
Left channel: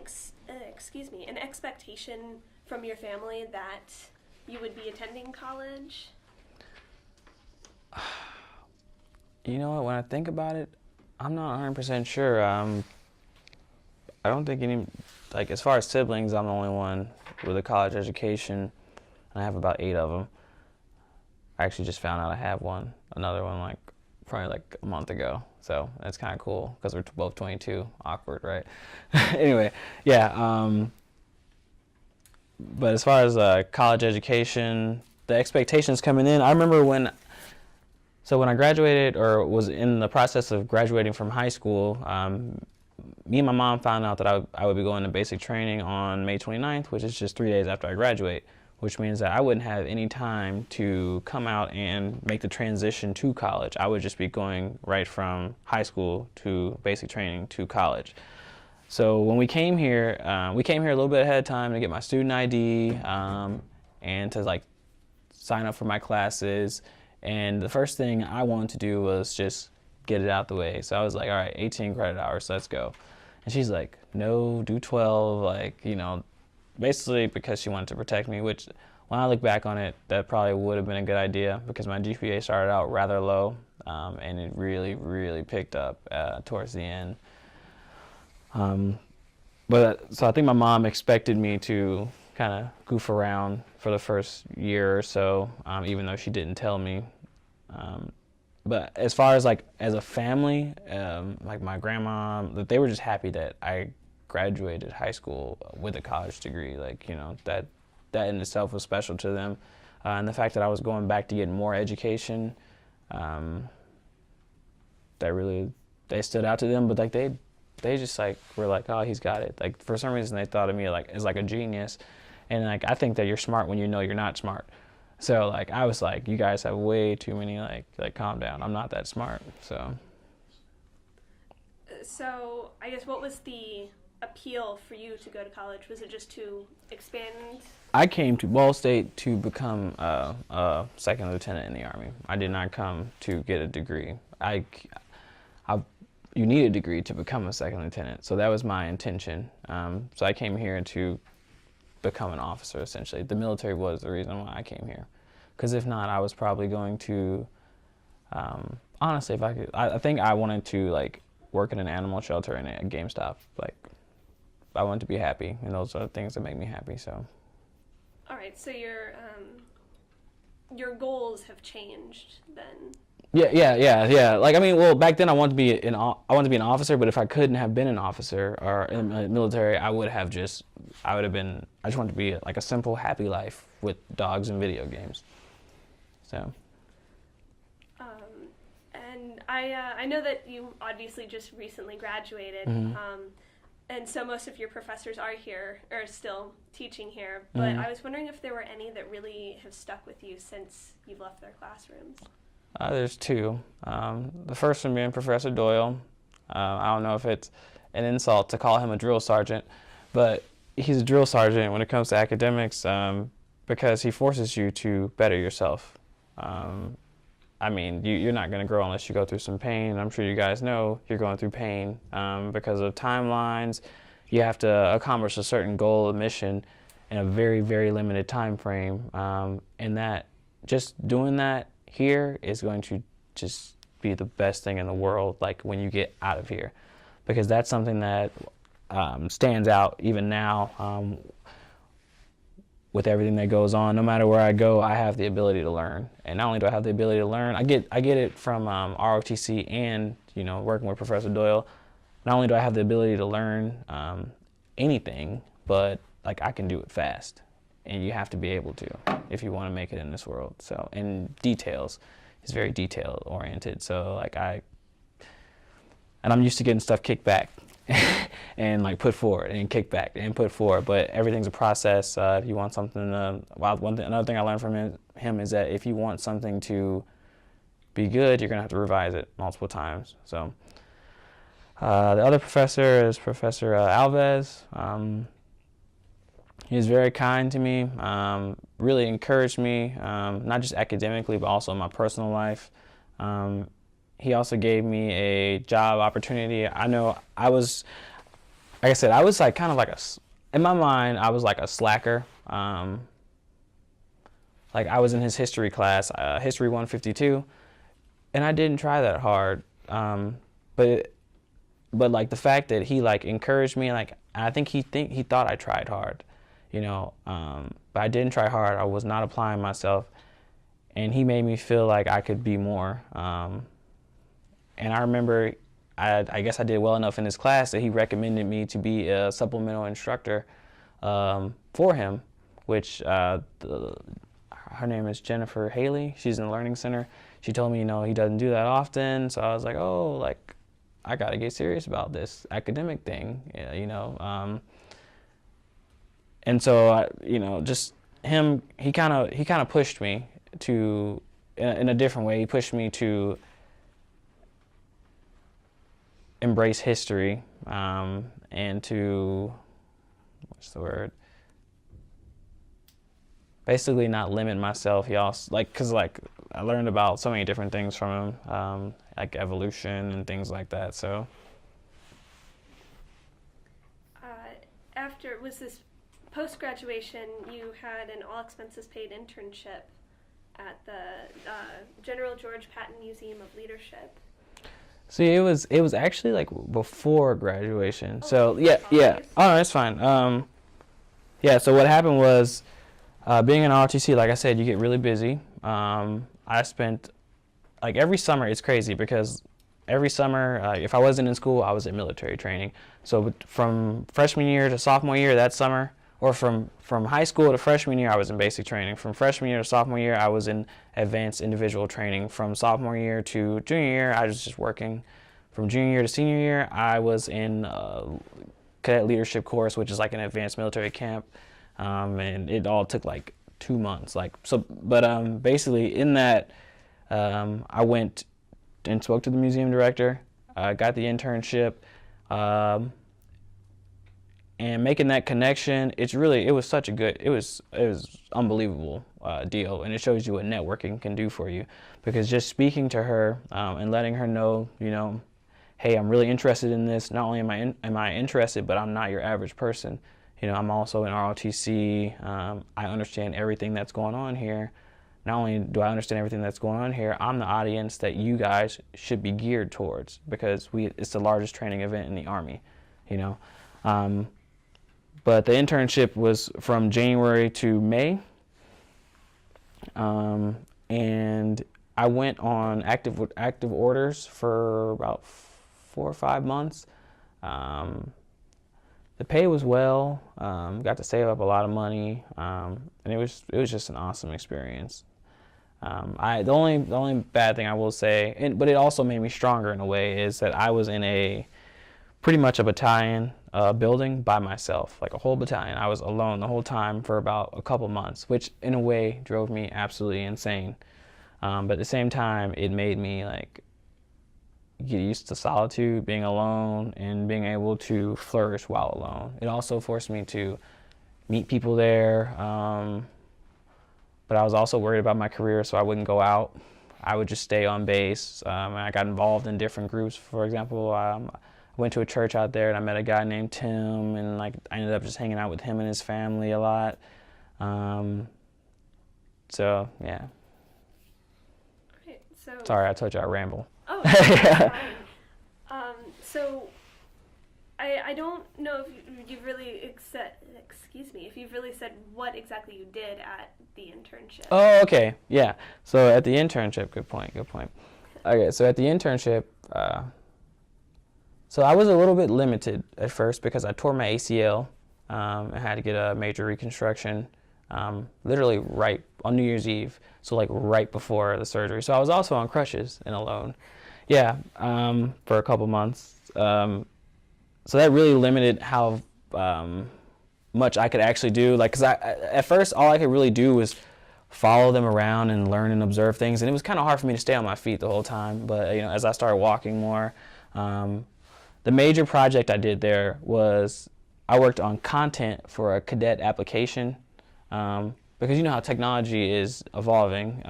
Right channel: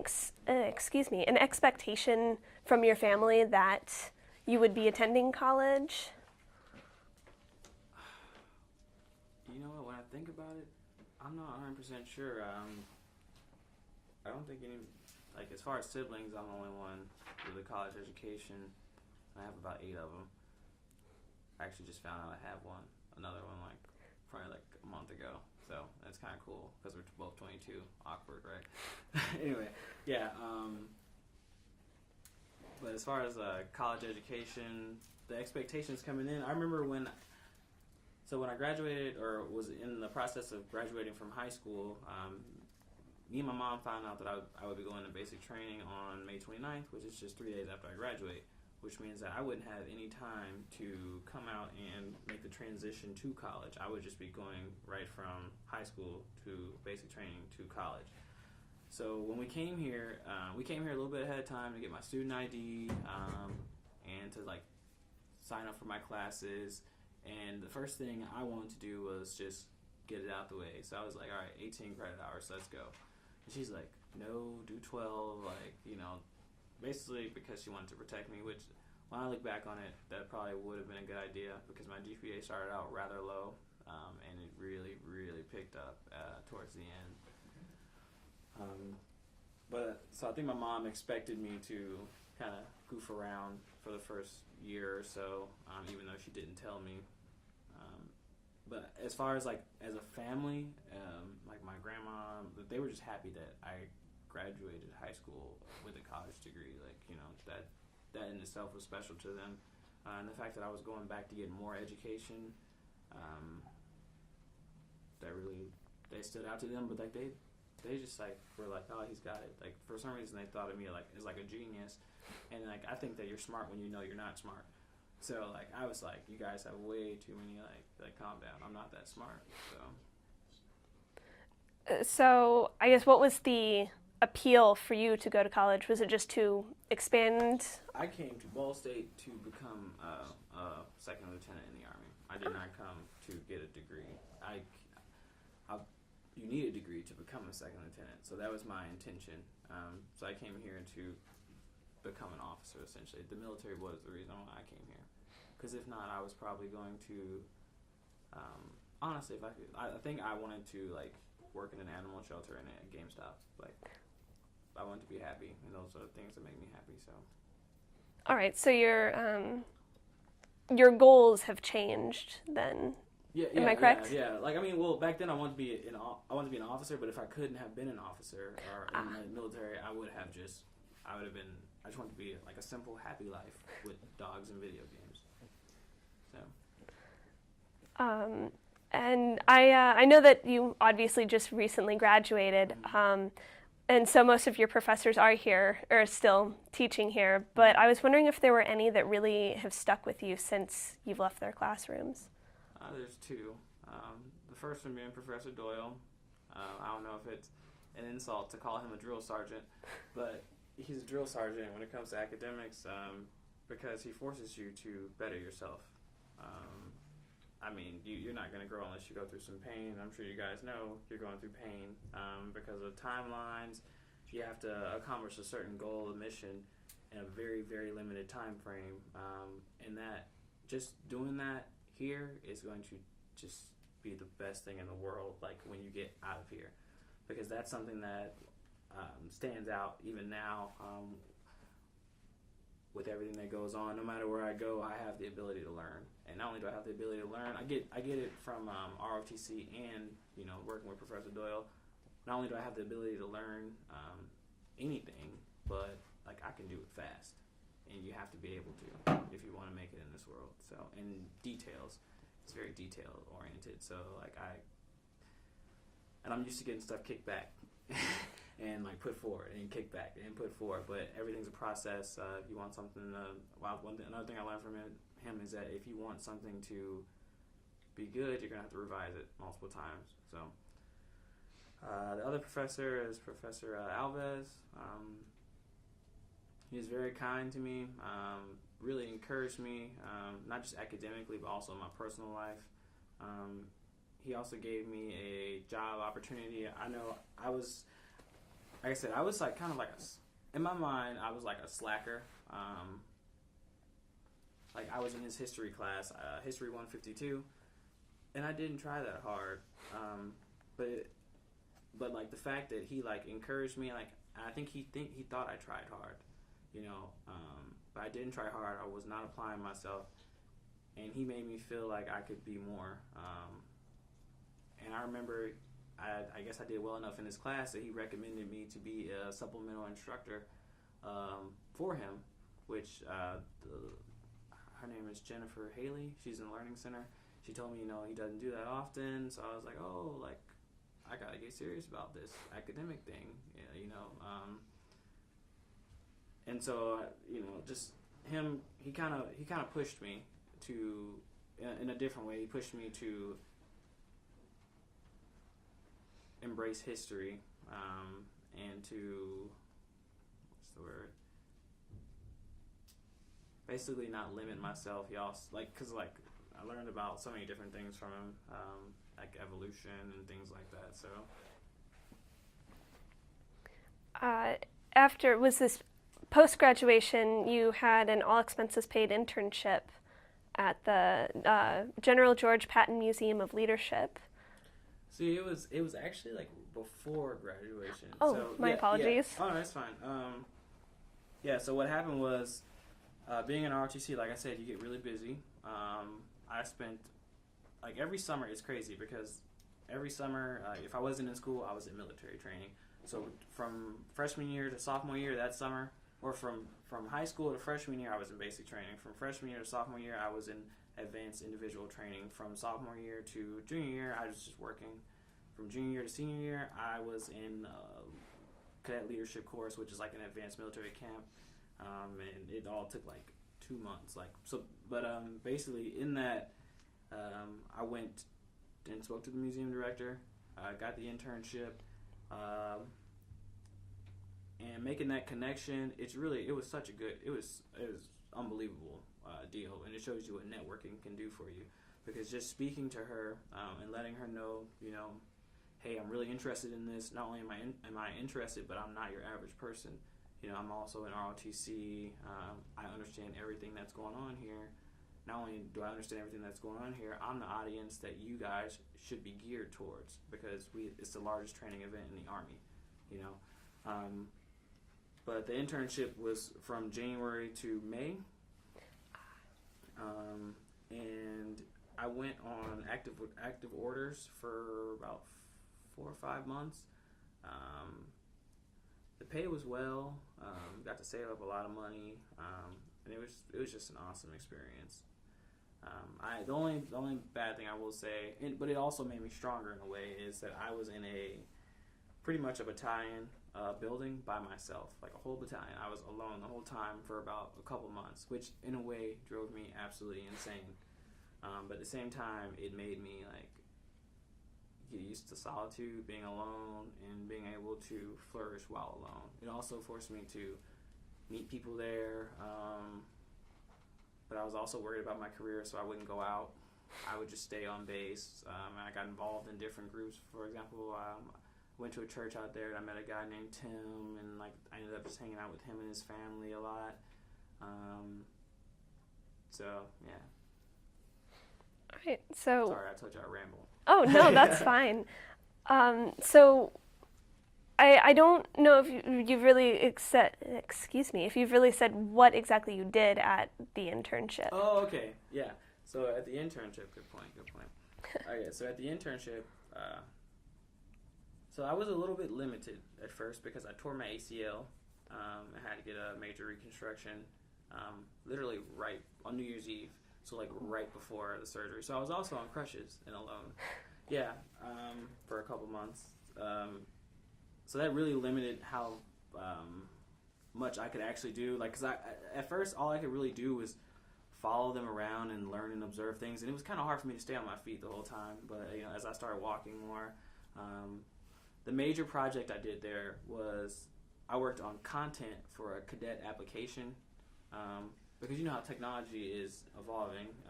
expectation from your family that you would be attending college? You know what? When I think about it, I'm not 100% sure. I don't think as far as siblings, I'm the only one with a college education, and I have about 8 of them. I actually just found out I have another one, probably like a month ago. So that's kind of cool because we're both 22. Awkward, right? Anyway, yeah. But as far as college education, the expectations coming in, I remember when I graduated or was in the process of graduating from high school, me and my mom found out that I would be going to basic training on May 29th, which is just 3 days after I graduate, which means that I wouldn't have any time to come out and make the transition to college. I would just be going right from high school to basic training to college. So when we came here a little bit ahead of time to get my student ID and to like sign up for my classes. And the first thing I wanted to do was just get it out the way. So I was like, all right, 18 credit hours, let's go. And she's like, no, do 12, like, you know, basically because she wanted to protect me, which when I look back on it, that probably would have been a good idea because my GPA started out rather low and it really, really picked up towards the end. So I think my mom expected me to kind of goof around for the first year or so, even though she didn't tell me. But as far as like as a family, like my grandma, they were just happy that I graduated high school with a college degree. Like, you know, that in itself was special to them. And the fact that I was going back to get more education, they stood out to them. But like they just like were like, oh, he's got it. Like for some reason they thought of me like as like a genius. And like I think that you're smart when you know you're not smart. So like I was like, you guys have way too many like calm down. I'm not that smart. So I guess what was the appeal for you to go to college? Was it just to expand? I came to Ball State to become a second lieutenant in the Army. I did not come to get a degree. You need a degree to become a second lieutenant. So that was my intention. So I came here to become an officer, essentially. The military was the reason why I came here. Because if not, I was probably going to, honestly, if I could, I think I wanted to like work in an animal shelter and a GameStop. Like, I wanted to be happy, and those are the things that make me happy. So. All right. So your goals have changed then. Yeah. Like I mean, well, back then I wanted to be an officer, but if I couldn't have been an officer or in the military, I just wanted to be like a simple, happy life with dogs and video games. So. And I know that you obviously just recently graduated, and so most of your professors are here or still teaching here. But I was wondering if there were any that really have stuck with you since you've left their classrooms. There's two. The first one being Professor Doyle. I don't know if it's an insult to call him a drill sergeant, but he's a drill sergeant when it comes to academics because he forces you to better yourself. I mean, you're not going to grow unless you go through some pain. I'm sure you guys know you're going through pain because of timelines. You have to accomplish a certain goal, a mission, in a very, very limited time frame. And that just doing that here is going to just be the best thing in the world, like when you get out of here, because that's something that stands out even now with everything that goes on. No matter where I go, I have the ability to learn, and not only do I have the ability to learn, I get it from ROTC and working with Professor Doyle. Not only do I have the ability to learn anything, but like I can do it fast. And you have to be able to if you want to make it in this world. So, and details is very detail oriented. So like I'm used to getting stuff kicked back and like put forward and kick back and put forward. But everything's a process. If you want something, another thing I learned from him is that if you want something to be good, you're gonna have to revise it multiple times. So the other professor is Professor Alves. He was very kind to me, really encouraged me, not just academically, but also in my personal life. He also gave me a job opportunity. I know I was, like I said, I was like kind of like in my mind, I was like a slacker. Like I was in his history class, History 152, and I didn't try that hard. But like the fact that he like encouraged me, like I think he thought I tried hard. But I didn't try hard. I was not applying myself, and he made me feel like I could be more. And I remember, I guess I did well enough in his class that he recommended me to be a supplemental instructor for him, which her name is Jennifer Haley. She's in the Learning Center. She told me, he doesn't do that often. So I was like, oh, like I gotta get serious about this academic thing, And so, just him, he kind of pushed me to, in a different way, he pushed me to embrace history and to, what's the word? Basically not limit myself. He also, like, cause like I learned about so many different things from him, like evolution and things like that. So. Was this post-graduation, you had an all-expenses-paid internship at the General George Patton Museum of Leadership. See, it was actually like before graduation. Oh, so my apologies. Oh, no, that's fine. Yeah. So what happened was, being an ROTC, like I said, you get really busy. I spent like every summer. It's crazy because every summer, if I wasn't in school, I was in military training. So from freshman year to sophomore year that summer, or from high school to freshman year, I was in basic training. From freshman year to sophomore year, I was in advanced individual training. From sophomore year to junior year, I was just working. From junior year to senior year, I was in cadet leadership course, which is like an advanced military camp, and it all took like 2 months. But basically in that, I went and spoke to the museum director, got the internship. And making that connection, it was such a good, it was unbelievable deal, and it shows you what networking can do for you, because just speaking to her and letting her know, hey, I'm really interested in this. Not only am I interested, but I'm not your average person. I'm also in ROTC. I understand everything that's going on here. Not only do I understand everything that's going on here, I'm the audience that you guys should be geared towards, because it's the largest training event in the Army, But the internship was from January to May, and I went on active orders for about 4 or 5 months. The pay was well. Got to save up a lot of money, and it was just an awesome experience. The only bad thing I will say, but it also made me stronger in a way, is that I was in pretty much a battalion building by myself, like a whole battalion. I was alone the whole time for about a couple months, which in a way drove me absolutely insane. But at the same time, it made me like get used to solitude, being alone, and being able to flourish while alone. It also forced me to meet people there. But I was also worried about my career, so I wouldn't go out. I would just stay on base. I got involved in different groups. For example, I went to a church out there, and I met a guy named Tim, and I ended up just hanging out with him and his family a lot. So yeah. All right, so. Sorry, I told you I ramble. Oh no, that's fine. So I don't know if you've really if you've really said what exactly you did at the internship. Oh, okay, yeah. So at the internship, good point. Okay, so at the internship, so I was a little bit limited at first because I tore my ACL. I had to get a major reconstruction, literally right on New Year's Eve. So like right before the surgery. So I was also on crutches and alone. Yeah, for a couple months. So that really limited how much I could actually do. Like, cause at first all I could really do was follow them around and learn and observe things, and it was kind of hard for me to stay on my feet the whole time. But as I started walking more, the major project I did there was I worked on content for a cadet application, because you know how technology is evolving,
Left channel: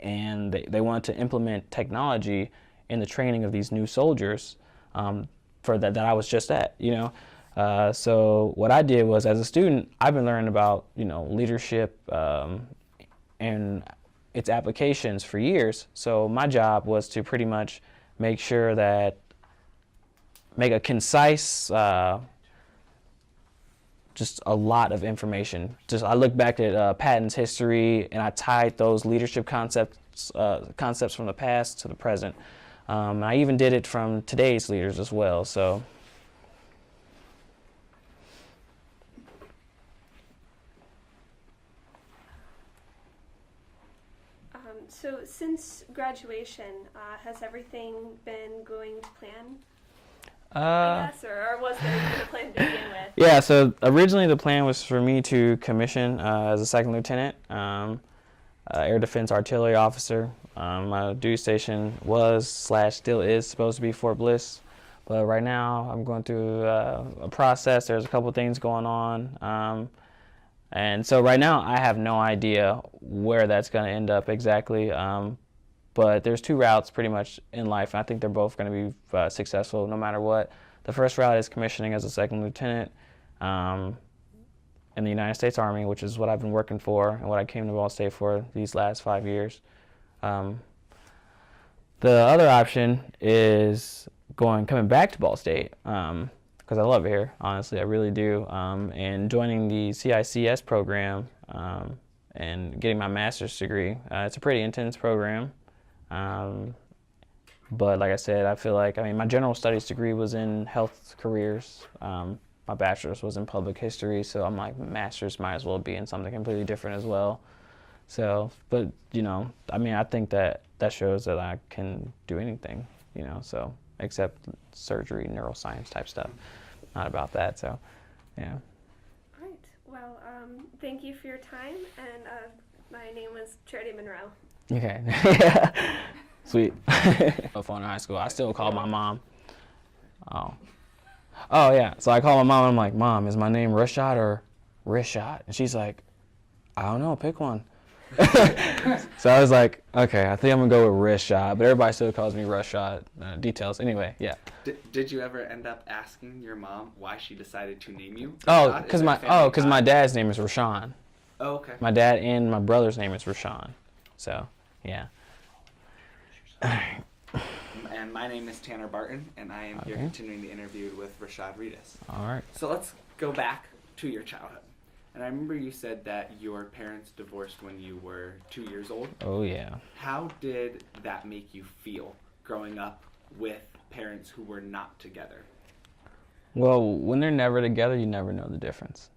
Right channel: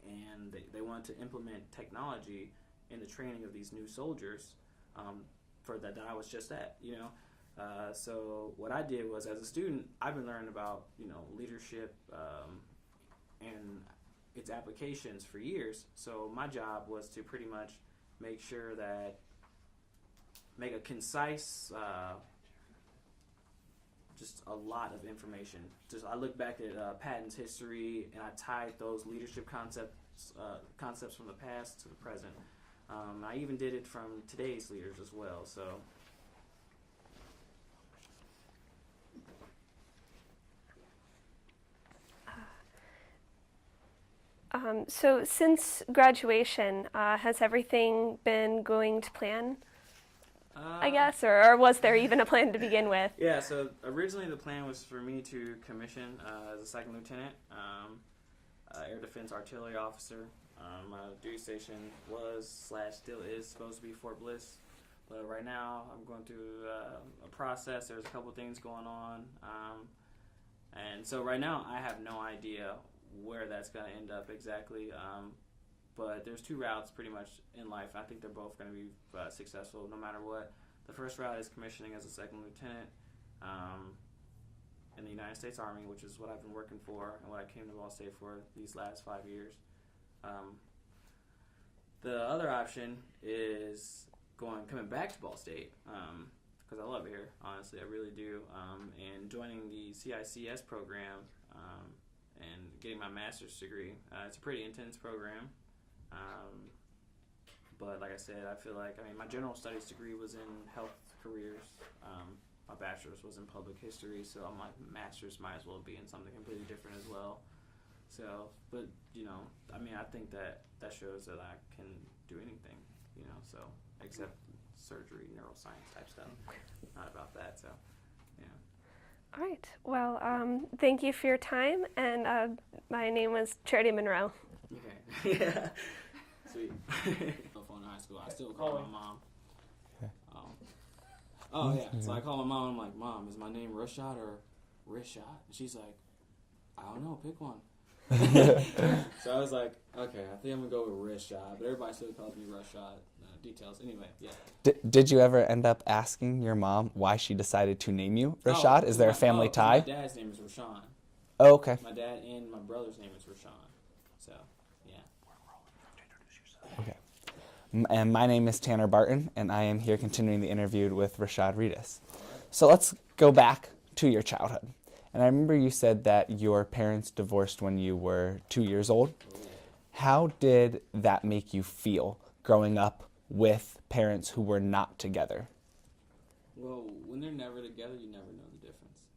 and they wanted to implement technology in the training of these new soldiers. For that I was just at, so what I did was, as a student, I've been learning about leadership and its applications for years. So my job was to pretty much make a concise, just a lot of information. I looked back at Patton's history, and I tied those leadership concepts from the past to the present. I even did it from today's leaders as well. So, so since graduation, has everything been going to plan? I guess, or was there even a plan to begin with? Yeah. So originally the plan was for me to commission as a second lieutenant, air defense artillery officer. My duty station was / still is supposed to be Fort Bliss, But right now, I'm going through a process. There's a couple things going on. And so right now, I have no idea where that's going to end up exactly. But there's two routes pretty much in life. And I think they're both going to be successful no matter what. The first route is commissioning as a second lieutenant in the United States Army, which is what I've been working for and what I came to Ball State for these last 5 years. The other option is coming back to Ball State, because I love it here, honestly, I really do, and joining the CICS program and getting my master's degree. It's a pretty intense program, but like I said, I feel like, my general studies degree was in health careers. My bachelor's was in public history, so I'm like, master's might as well be in something completely different as well. So, but, I think that shows that I can do anything, so, except surgery, neuroscience type stuff. Not about that, so, yeah. All right. Well, thank you for your time, and my name was Charity Monroe. Okay. Sweet. Phone in high school, I still call my mom. Oh, yeah. So I call my mom, and I'm like, Mom, is my name Rishad or Rishad? And she's like, I don't know, pick one. So I was like, okay, I think I'm going to go with Rishad, but everybody still calls me Rishad. Details. Anyway, yeah. Did you ever end up asking your mom why she decided to name you Rishad? Because my dad's name is Rashawn. Oh, okay. My dad and my brother's name is Rashawn. So, yeah. And my name is Tanner Barton, and I am here continuing the interview with Rishad Readus. All right. So let's go back to your childhood. And I remember you said that your parents divorced when you were 2 years old. Oh, yeah. How did that make you feel growing up with parents who were not together? Well, when they're never together, you never know the difference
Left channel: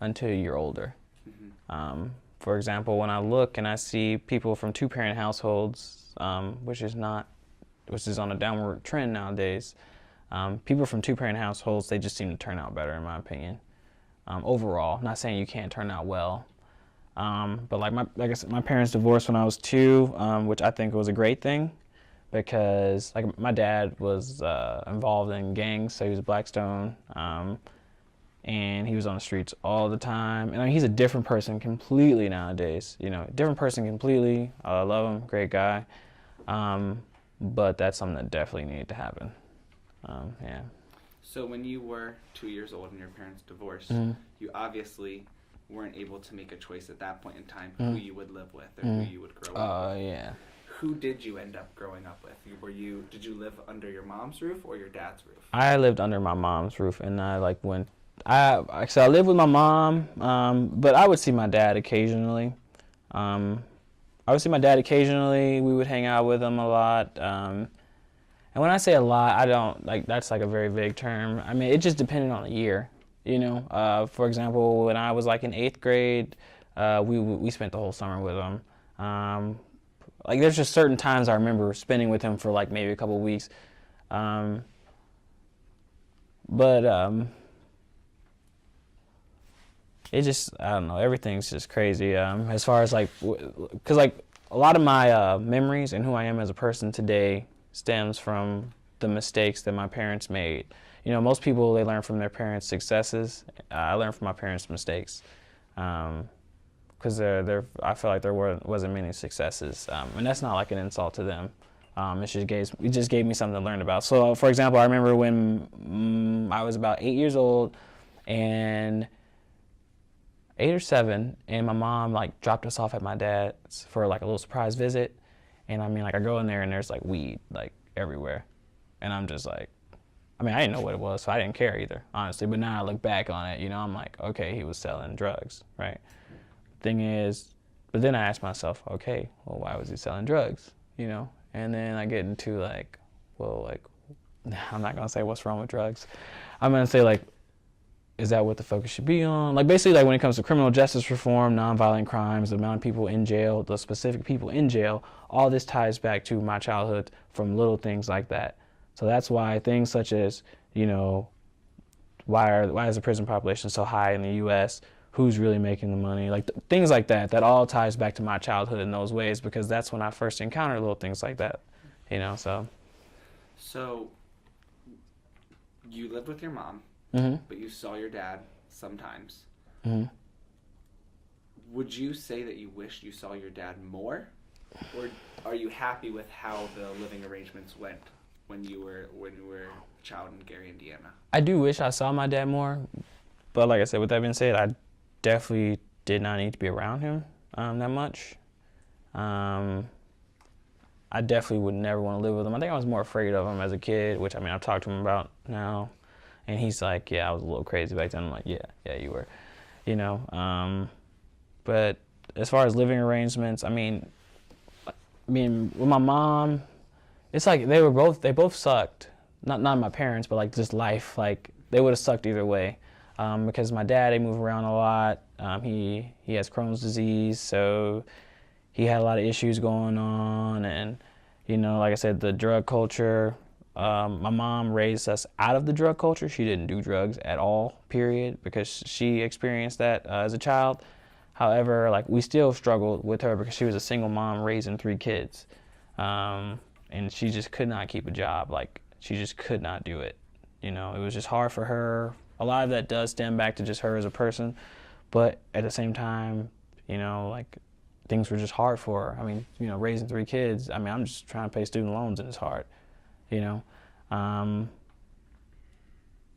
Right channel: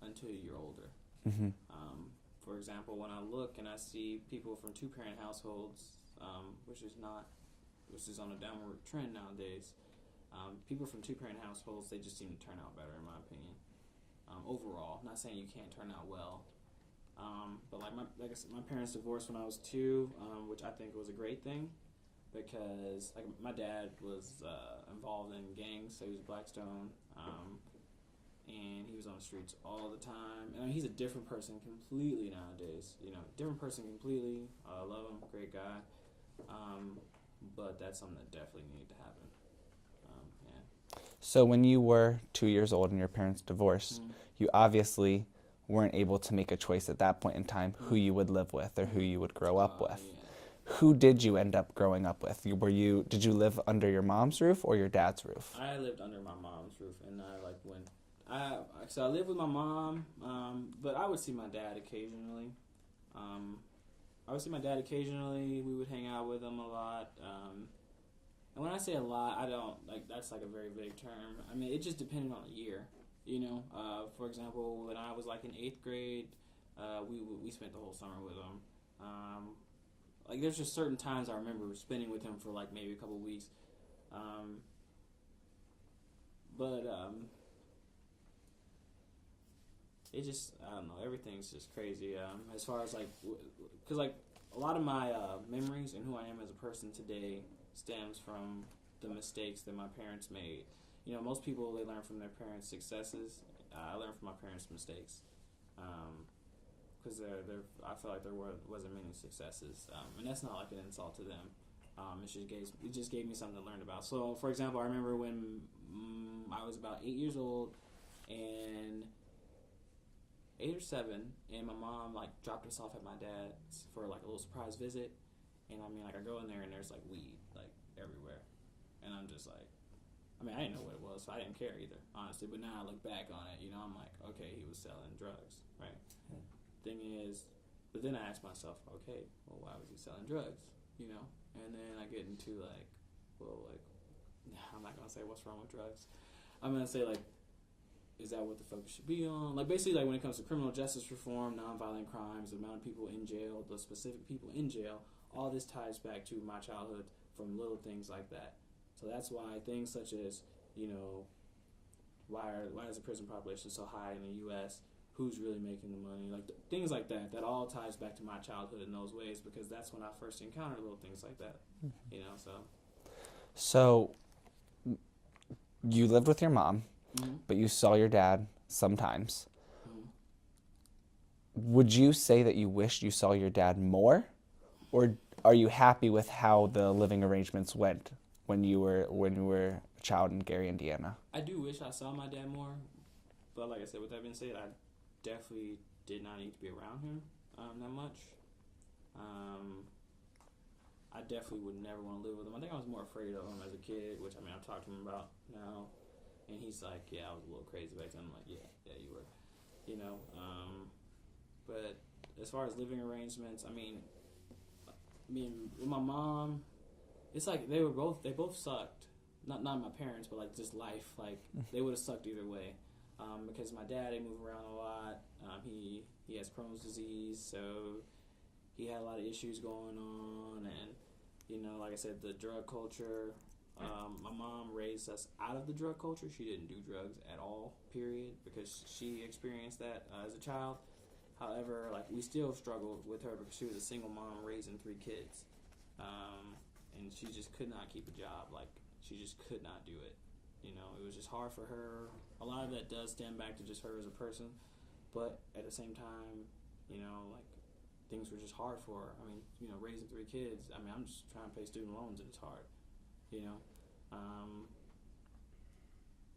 until you're older. Mm-hmm. For example, when I look and I see people from two-parent households, which is on a downward trend nowadays, people from two-parent households, they just seem to turn out better, in my opinion. Overall, not saying you can't turn out well, but like I said, my parents divorced when I was 2, which I think was a great thing, because like my dad was involved in gangs, so he was a Blackstone, and he was on the streets all the time. And he's a different person completely nowadays. Different person completely. I love him, great guy, but that's something that definitely needed to happen. Yeah. So when you were 2 years old and your parents divorced, you obviously weren't able to make a choice at that point in time who you would live with or who you would grow up with. Yeah. Who did you end up growing up with? Did you live under your mom's roof or your dad's roof? I lived under my mom's roof, and I lived with my mom, but I would see my dad occasionally. We would hang out with him a lot. And when I say a lot, I don't, that's a very vague term. It just depended on the year, For example, when I was in 8th grade, we spent the whole summer with him. There's just certain times I remember spending with him for maybe a couple of weeks. It just, I don't know, everything's just crazy. As far as because a lot of my memories and who I am as a person today stems from the mistakes that my parents made. Most people, they learn from their parents' successes. I learned from my parents' mistakes, because I feel like there wasn't many successes, and that's not an insult to them. It just gave me something to learn about. So, for example, I remember when I was about 8 years old, and 8 or 7, and my mom dropped us off at my dad's for a little surprise visit. And I go in there and there's weed everywhere, and I'm just I didn't know what it was, so I didn't care either, honestly. But now I look back on it, I'm okay, he was selling drugs, right? Thing is, but then I asked myself, okay, well, why was he selling drugs, And then I get into I'm not gonna say what's wrong with drugs. I'm gonna say is that what the focus should be on? Basically, when it comes to criminal justice reform, nonviolent crimes, the amount of people in jail, the specific people in jail, all this ties back to my childhood from little things like that. So that's why things such as, why is the prison population so high in the U.S.? Who's really making the money? Things like that all ties back to my childhood in those ways, because that's when I first encountered little things like that, so. So you lived with your mom, but you saw your dad sometimes. Would you say that you wished you saw your dad more, or are you happy with how the living arrangements went when you were a child in Gary, Indiana? I do wish I saw my dad more, but like I said, with that being said, I definitely did not need to be around him that much. I definitely would never want to live with him. I think I was more afraid of him as a kid, which, I mean, I've talked to him about now, and he's like, yeah, I was a little crazy back then. I'm like, yeah, you were, you know. But as far as living arrangements, I mean, with my mom, it's like they both sucked. Not my parents, but like just life. Like they would have sucked either way, because my dad, he moved around a lot. He has Crohn's disease, so he had a lot of issues going on, and you know, like I said, the drug culture. My mom raised us out of the drug culture. She didn't do drugs at all, period, because she experienced that as a child. However, like we still struggled with her because she was a single mom raising 3 kids, and she just could not keep a job. Like she just could not do it. You know, it was just hard for her. A lot of that does stem back to just her as a person, but at the same time, you know, like things were just hard for her. I mean, you know, raising 3 kids. I mean, I'm just trying to pay student loans and it's hard. You know,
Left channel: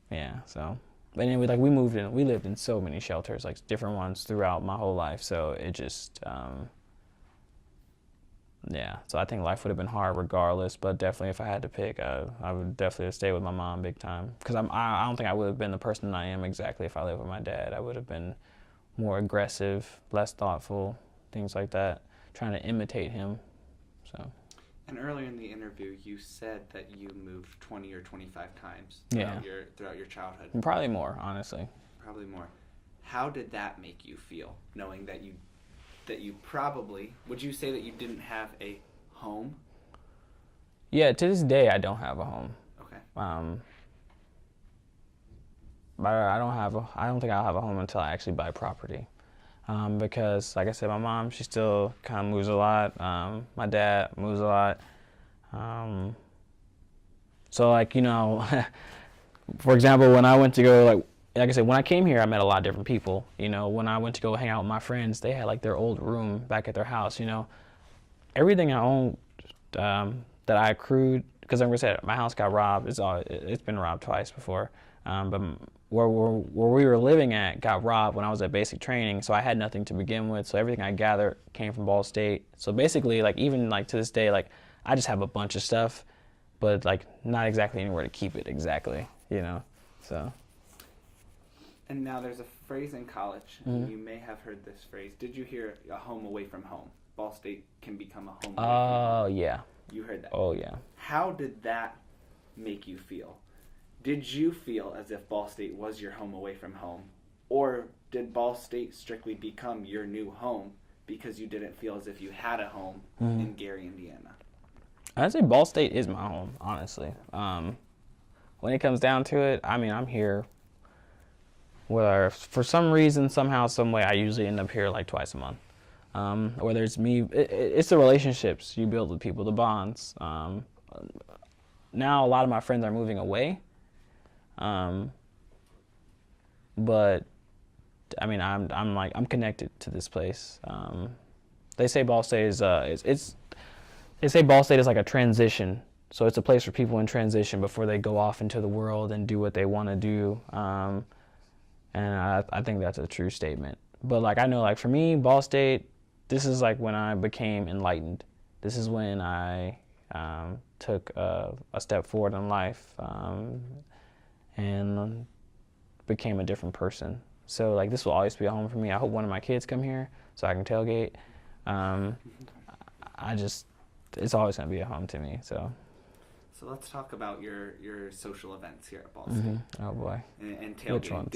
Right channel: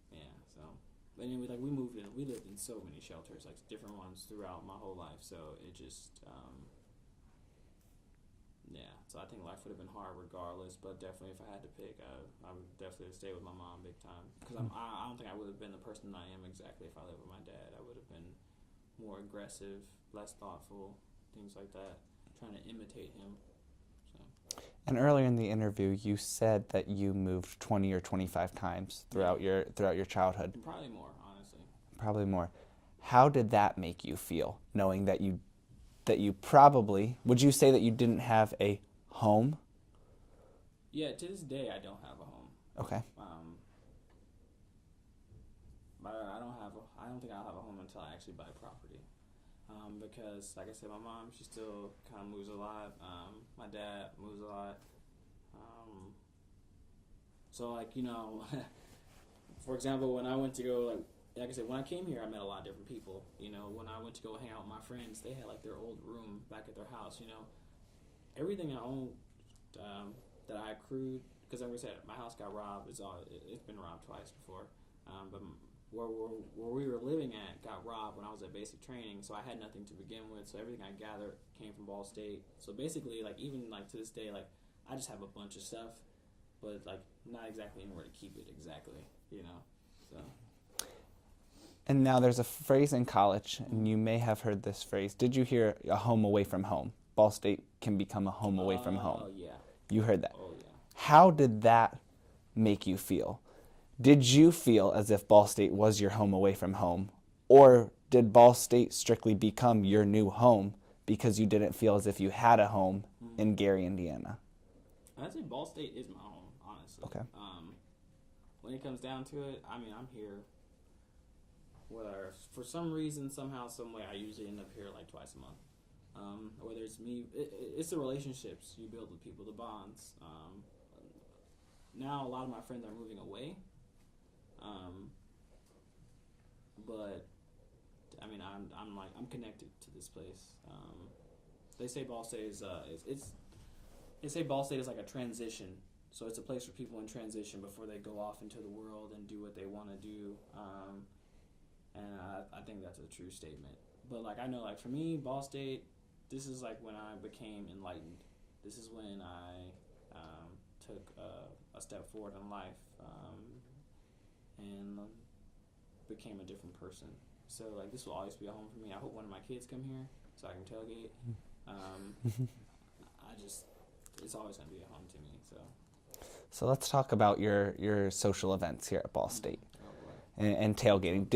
yeah. So. But anyway, like we lived in so many shelters, like different ones throughout my whole life. So it just, yeah. So I think life would have been hard regardless. But definitely, if I had to pick, I would definitely stay with my mom big time. Because I don't think I would have been the person I am exactly if I lived with my dad. I would have been more aggressive, less thoughtful, things like that, trying to imitate him. So. And earlier in the interview, you said that you moved 20 or 25 times throughout your childhood. Probably more, honestly. Probably more. How did that make you feel, knowing that you probably, would you say that you didn't have a home? Yeah, to this day, I don't have a home. Okay. But I don't think I'll have a home until I actually buy property. Because, like I said, my mom, she still kind of moves a lot. My dad moves a lot. So, like, you know, for example, when I went to go, like I said, when I came here, I met a lot of different people. You know, when I went to go hang out with my friends, they had, like, their old room back at their house, you know. Everything I owned that I accrued, because like I said, my house got robbed. It's been robbed twice before. But where we were living at got robbed when I was at basic training, so I had nothing to begin with. So everything I gathered came from Ball State. So basically, like even like to this day, like I just have a bunch of stuff, but like not exactly anywhere to keep it exactly, you know. So. And now there's a phrase in college, and you may have heard this phrase. Did you hear a home away from home? Ball State can become a home away from home. Oh yeah. You heard that. Oh yeah. How did that make you feel? Did you feel as if Ball State was your home away from home? Or did Ball State strictly become your new home because you didn't feel as if you had a home in Gary, Indiana? I'd say Ball State is my home, honestly. Okay. When it comes down to it, I mean, I'm here. Whether for some reason, somehow, some way, I usually end up here like twice a month. Whether it's me, it's the relationships you build with people, the bonds. Now a lot of my friends are moving away. But I mean, I'm connected to this place. They say Ball State is they say Ball State is like a transition. So it's a place for people in transition before they go off into the world and do what they want to do. And I think that's a true statement. But like I know, like for me, Ball State, this is like when I became enlightened. This is when I took a step forward in life. And became a different person. So like this will always be a home for me. I hope one of my kids come here so I can tailgate. It's always gonna be a home to me. So let's talk about your social events here at Ball State. Oh boy. And tailgating.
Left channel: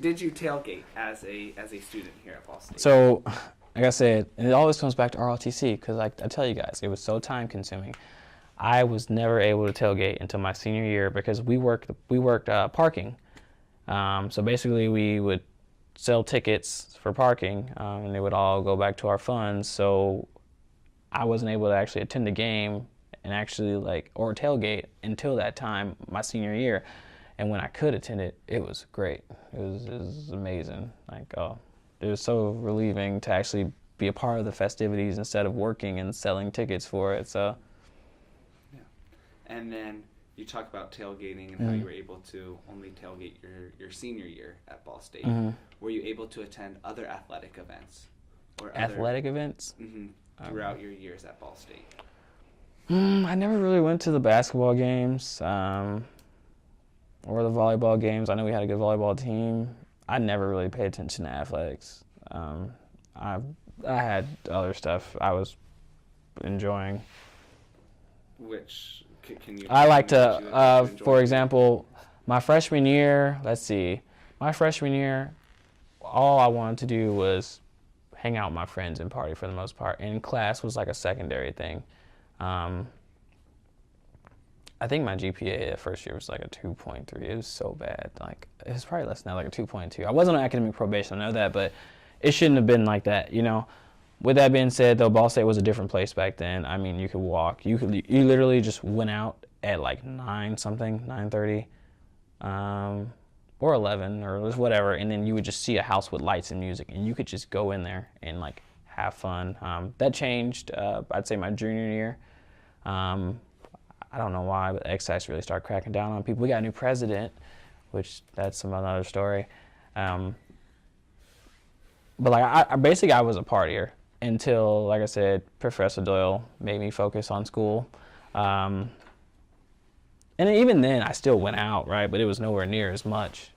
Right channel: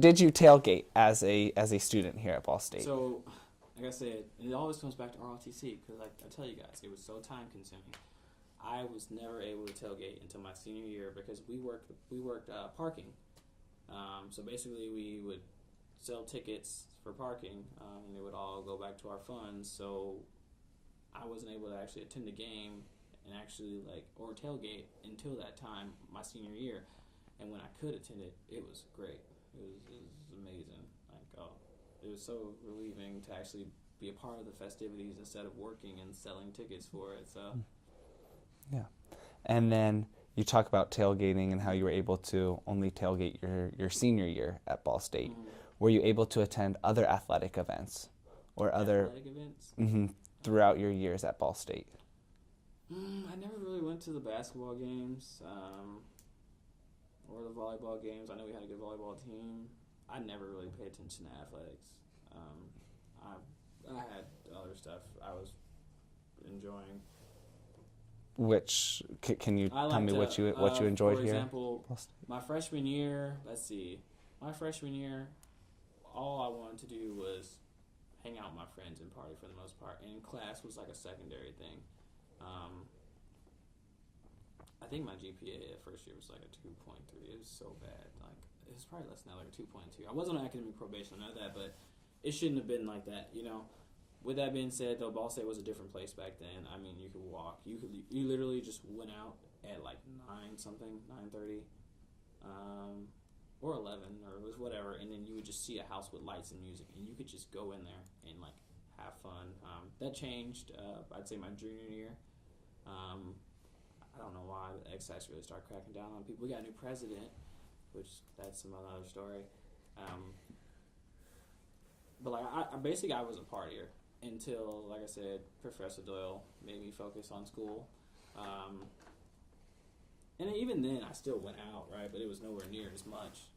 Did you tailgate as a student here at Ball State? So, like I said, and it always comes back to ROTC because like I tell you guys, it was so time consuming. I was never able to tailgate until my senior year because we worked parking. So basically we would sell tickets for parking and they would all go back to our funds. So I wasn't able to actually attend the game and actually or tailgate until that time, my senior year. And when I could attend it, it was great. It was amazing. Like, oh, it was so relieving to actually be a part of the festivities instead of working and selling tickets for it. So, yeah. And then you talk about tailgating and how you were able to only tailgate your senior year at Ball State. Were you able to attend other athletic events or other athletic events? Throughout your years at Ball State? I never really went to the basketball games or the volleyball games. I know we had a good volleyball team. I never really paid attention to athletics. I had other stuff I was enjoying. Which can you? I like tell me to, what you enjoyed for doing? example, my freshman year. Let's see, my freshman year, all I wanted to do was hang out with my friends and party for the most part. And class was like a secondary thing. I think my GPA that first year was like a 2.3. It was so bad. Like, it was probably less than that, like a 2.2. I wasn't on academic probation, I know that, but it shouldn't have been like that, you know. With that being said, though, Ball State was a different place back then. I mean, you could walk. You literally just went out at like 9:30, or 11, or whatever, and then you would just see a house with lights and music, and you could just go in there and like have fun. That changed, I'd say, my junior year. I don't know why, but excise really started cracking down on people. We got a new president, which that's another story. But like I basically I was a partier until, like I said, Professor Doyle made me focus on school. And even then, I still went out, right? But it was nowhere near as much.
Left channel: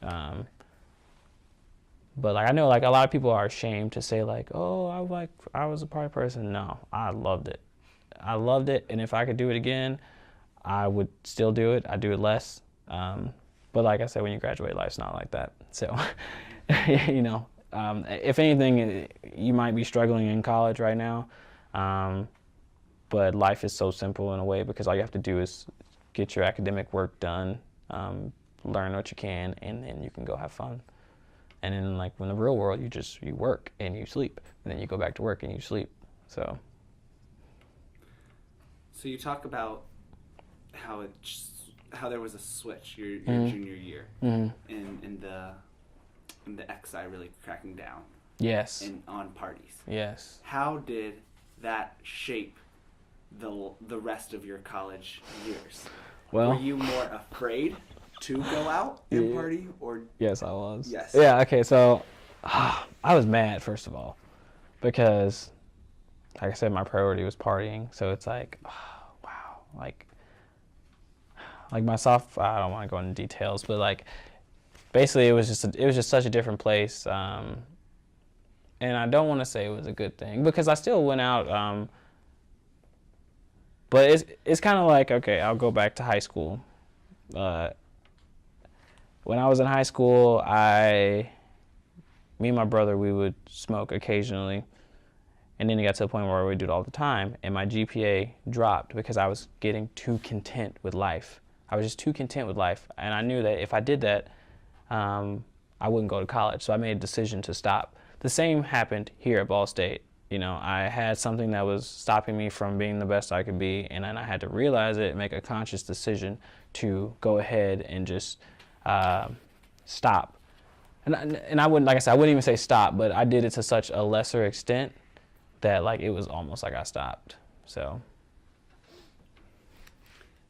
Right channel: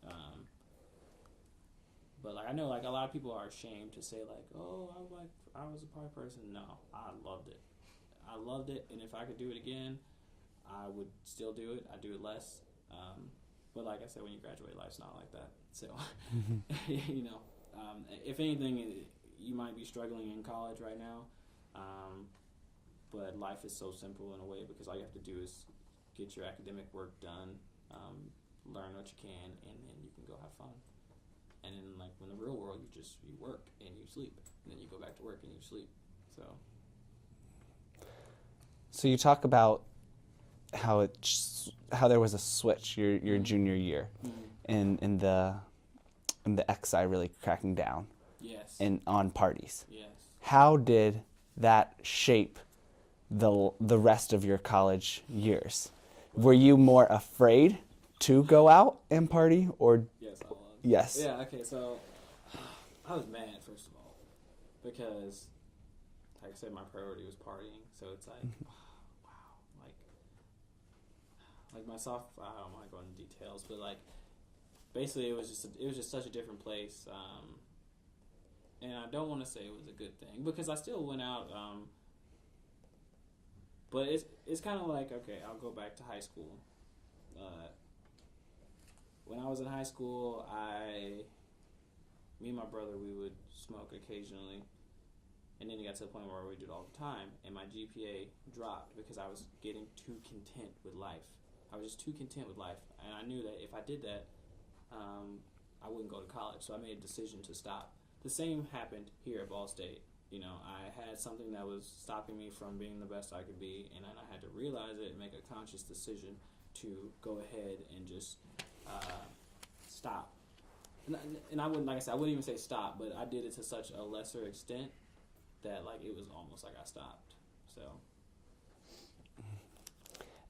But like I know, like a lot of people are ashamed to say, like, "Oh, I was a party person." No, I loved it. I loved it, and if I could do it again, I would still do it. I'd do it less. But like I said, when you graduate, life's not like that. So, you know, if anything, you might be struggling in college right now. But life is so simple in a way, because all you have to do is get your academic work done, learn what you can, and then you can go have fun. And then, like, in the real world, you work and you sleep, and then you go back to work and you sleep. So you talk about how there was a switch your junior year, in the XI really cracking down. yes, On parties. yes. How did that shape the rest of your college years? Well, were you more afraid to go out and party, or yes, I was. yes? Yeah. Okay. So I was mad, first of all, because, like I said, my priority was partying. So it's like, wow, like my I don't want to go into details, but like basically it was just such a different place. And I don't want to say it was a good thing, because I still went out. But it's kind of like, okay, I'll go back to high school. When I was in high school, me and my brother, we would smoke occasionally. And then it got to the point where we would do it all the time. And my GPA dropped because I was getting too content with life. I was just too content with life. And I knew that if I did that, I wouldn't go to college. So I made a decision to stop. The same happened here at Ball State. You know, I had something that was stopping me from being the best I could be, and then I had to realize it and make a conscious decision to go ahead and just stop. And I wouldn't, like I said, I wouldn't even say stop, but I did it to such a lesser extent that, like, it was almost like I stopped. So.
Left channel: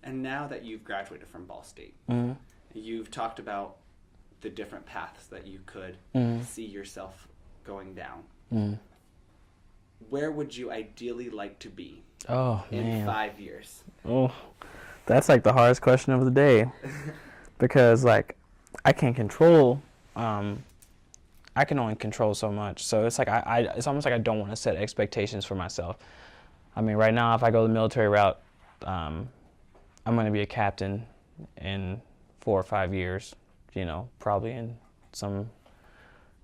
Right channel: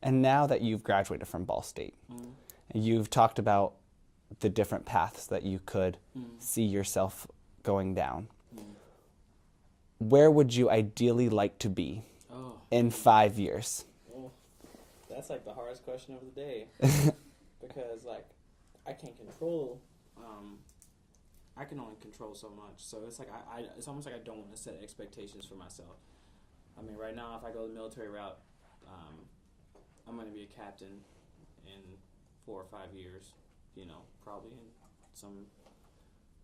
And now that you've graduated from Ball State, you've talked about the different paths that you could see yourself going down. Where would you ideally like to be in 5 years? Oh, that's like the hardest question of the day, because like I can't control. I can only control so much. So it's like it's almost like I don't want to set expectations for myself. I mean, right now, if I go the military route, I'm going to be a captain in 4 or 5 years. You know, probably in some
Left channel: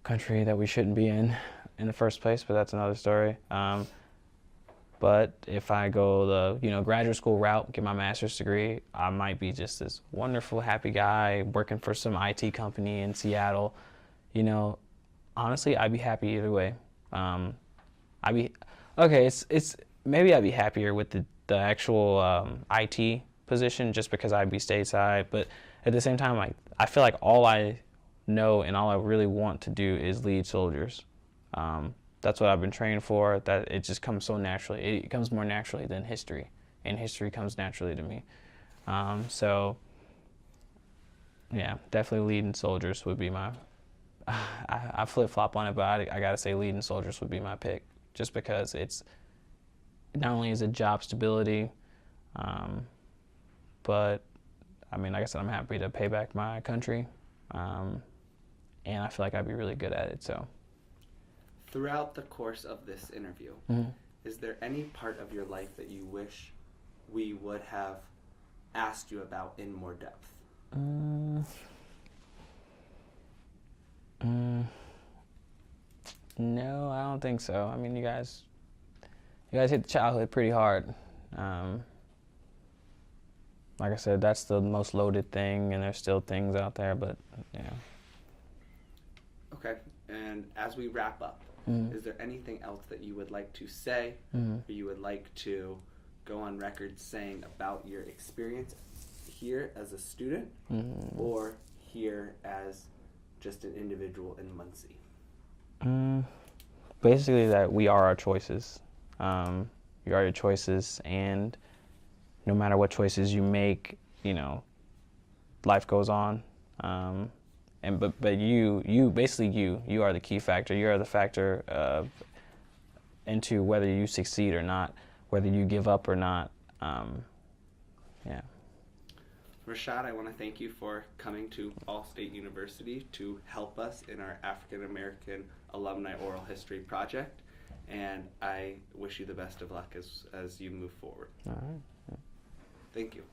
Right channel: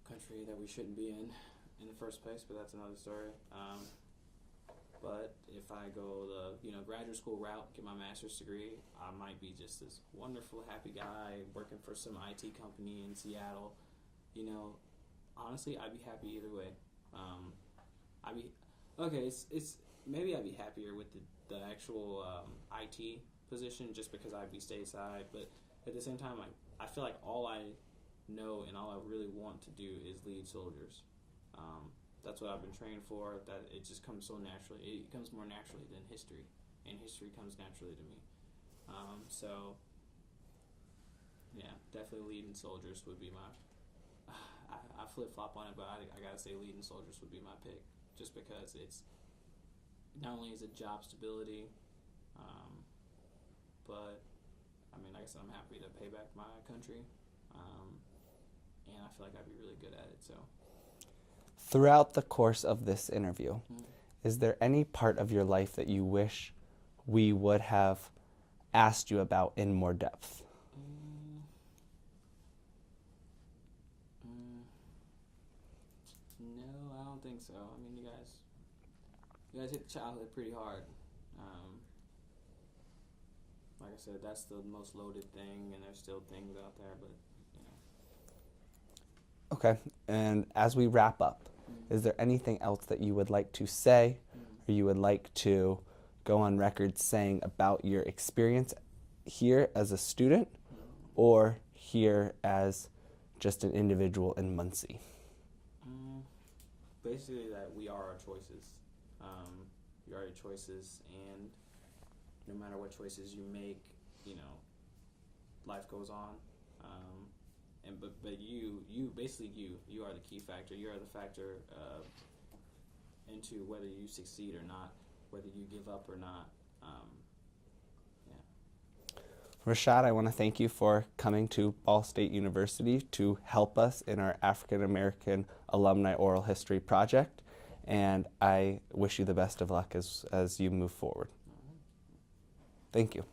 country that we shouldn't be in the first place, but that's another story. But if I go the graduate school route, get my master's degree, I might be just this wonderful, happy guy working for some IT company in Seattle. You know, honestly, I'd be happy either way. Maybe I'd be happier with the actual IT position, just because I'd be stateside. But at the same time, like, I feel like all I know and all I really want to do is lead soldiers. That's what I've been trained for. That it just comes so naturally. It comes more naturally than history, and history comes naturally to me. So, yeah, definitely leading soldiers would be my. I flip flop on it, but I gotta say leading soldiers would be my pick, just because it's not only is it job stability, but I mean, like I said, I'm happy to pay back my country, and I feel like I'd be really good at it. So, Throughout the course of this interview, is there any part of your life that you wish we would have asked you about in more depth? No, I don't think so. I mean, you guys hit the childhood pretty hard. Like I said, that's the most loaded thing, and there's still things out there, but yeah. Okay, and as we wrap up, is there anything else that you would like to say, or you would like to go on record saying about your experience here as a student, or here as just an individual in Muncie? Basically that we are our choices. You are your choices, and no matter what choices you make, you know, life goes on. But you are the key factor. You are the factor into whether you succeed or not, whether you give up or not. Yeah. Rishad, I want to thank you for coming to Ball State University to help us in our African American Alumni Oral History project, and I wish you the best of luck as you move forward. All right. Thank you.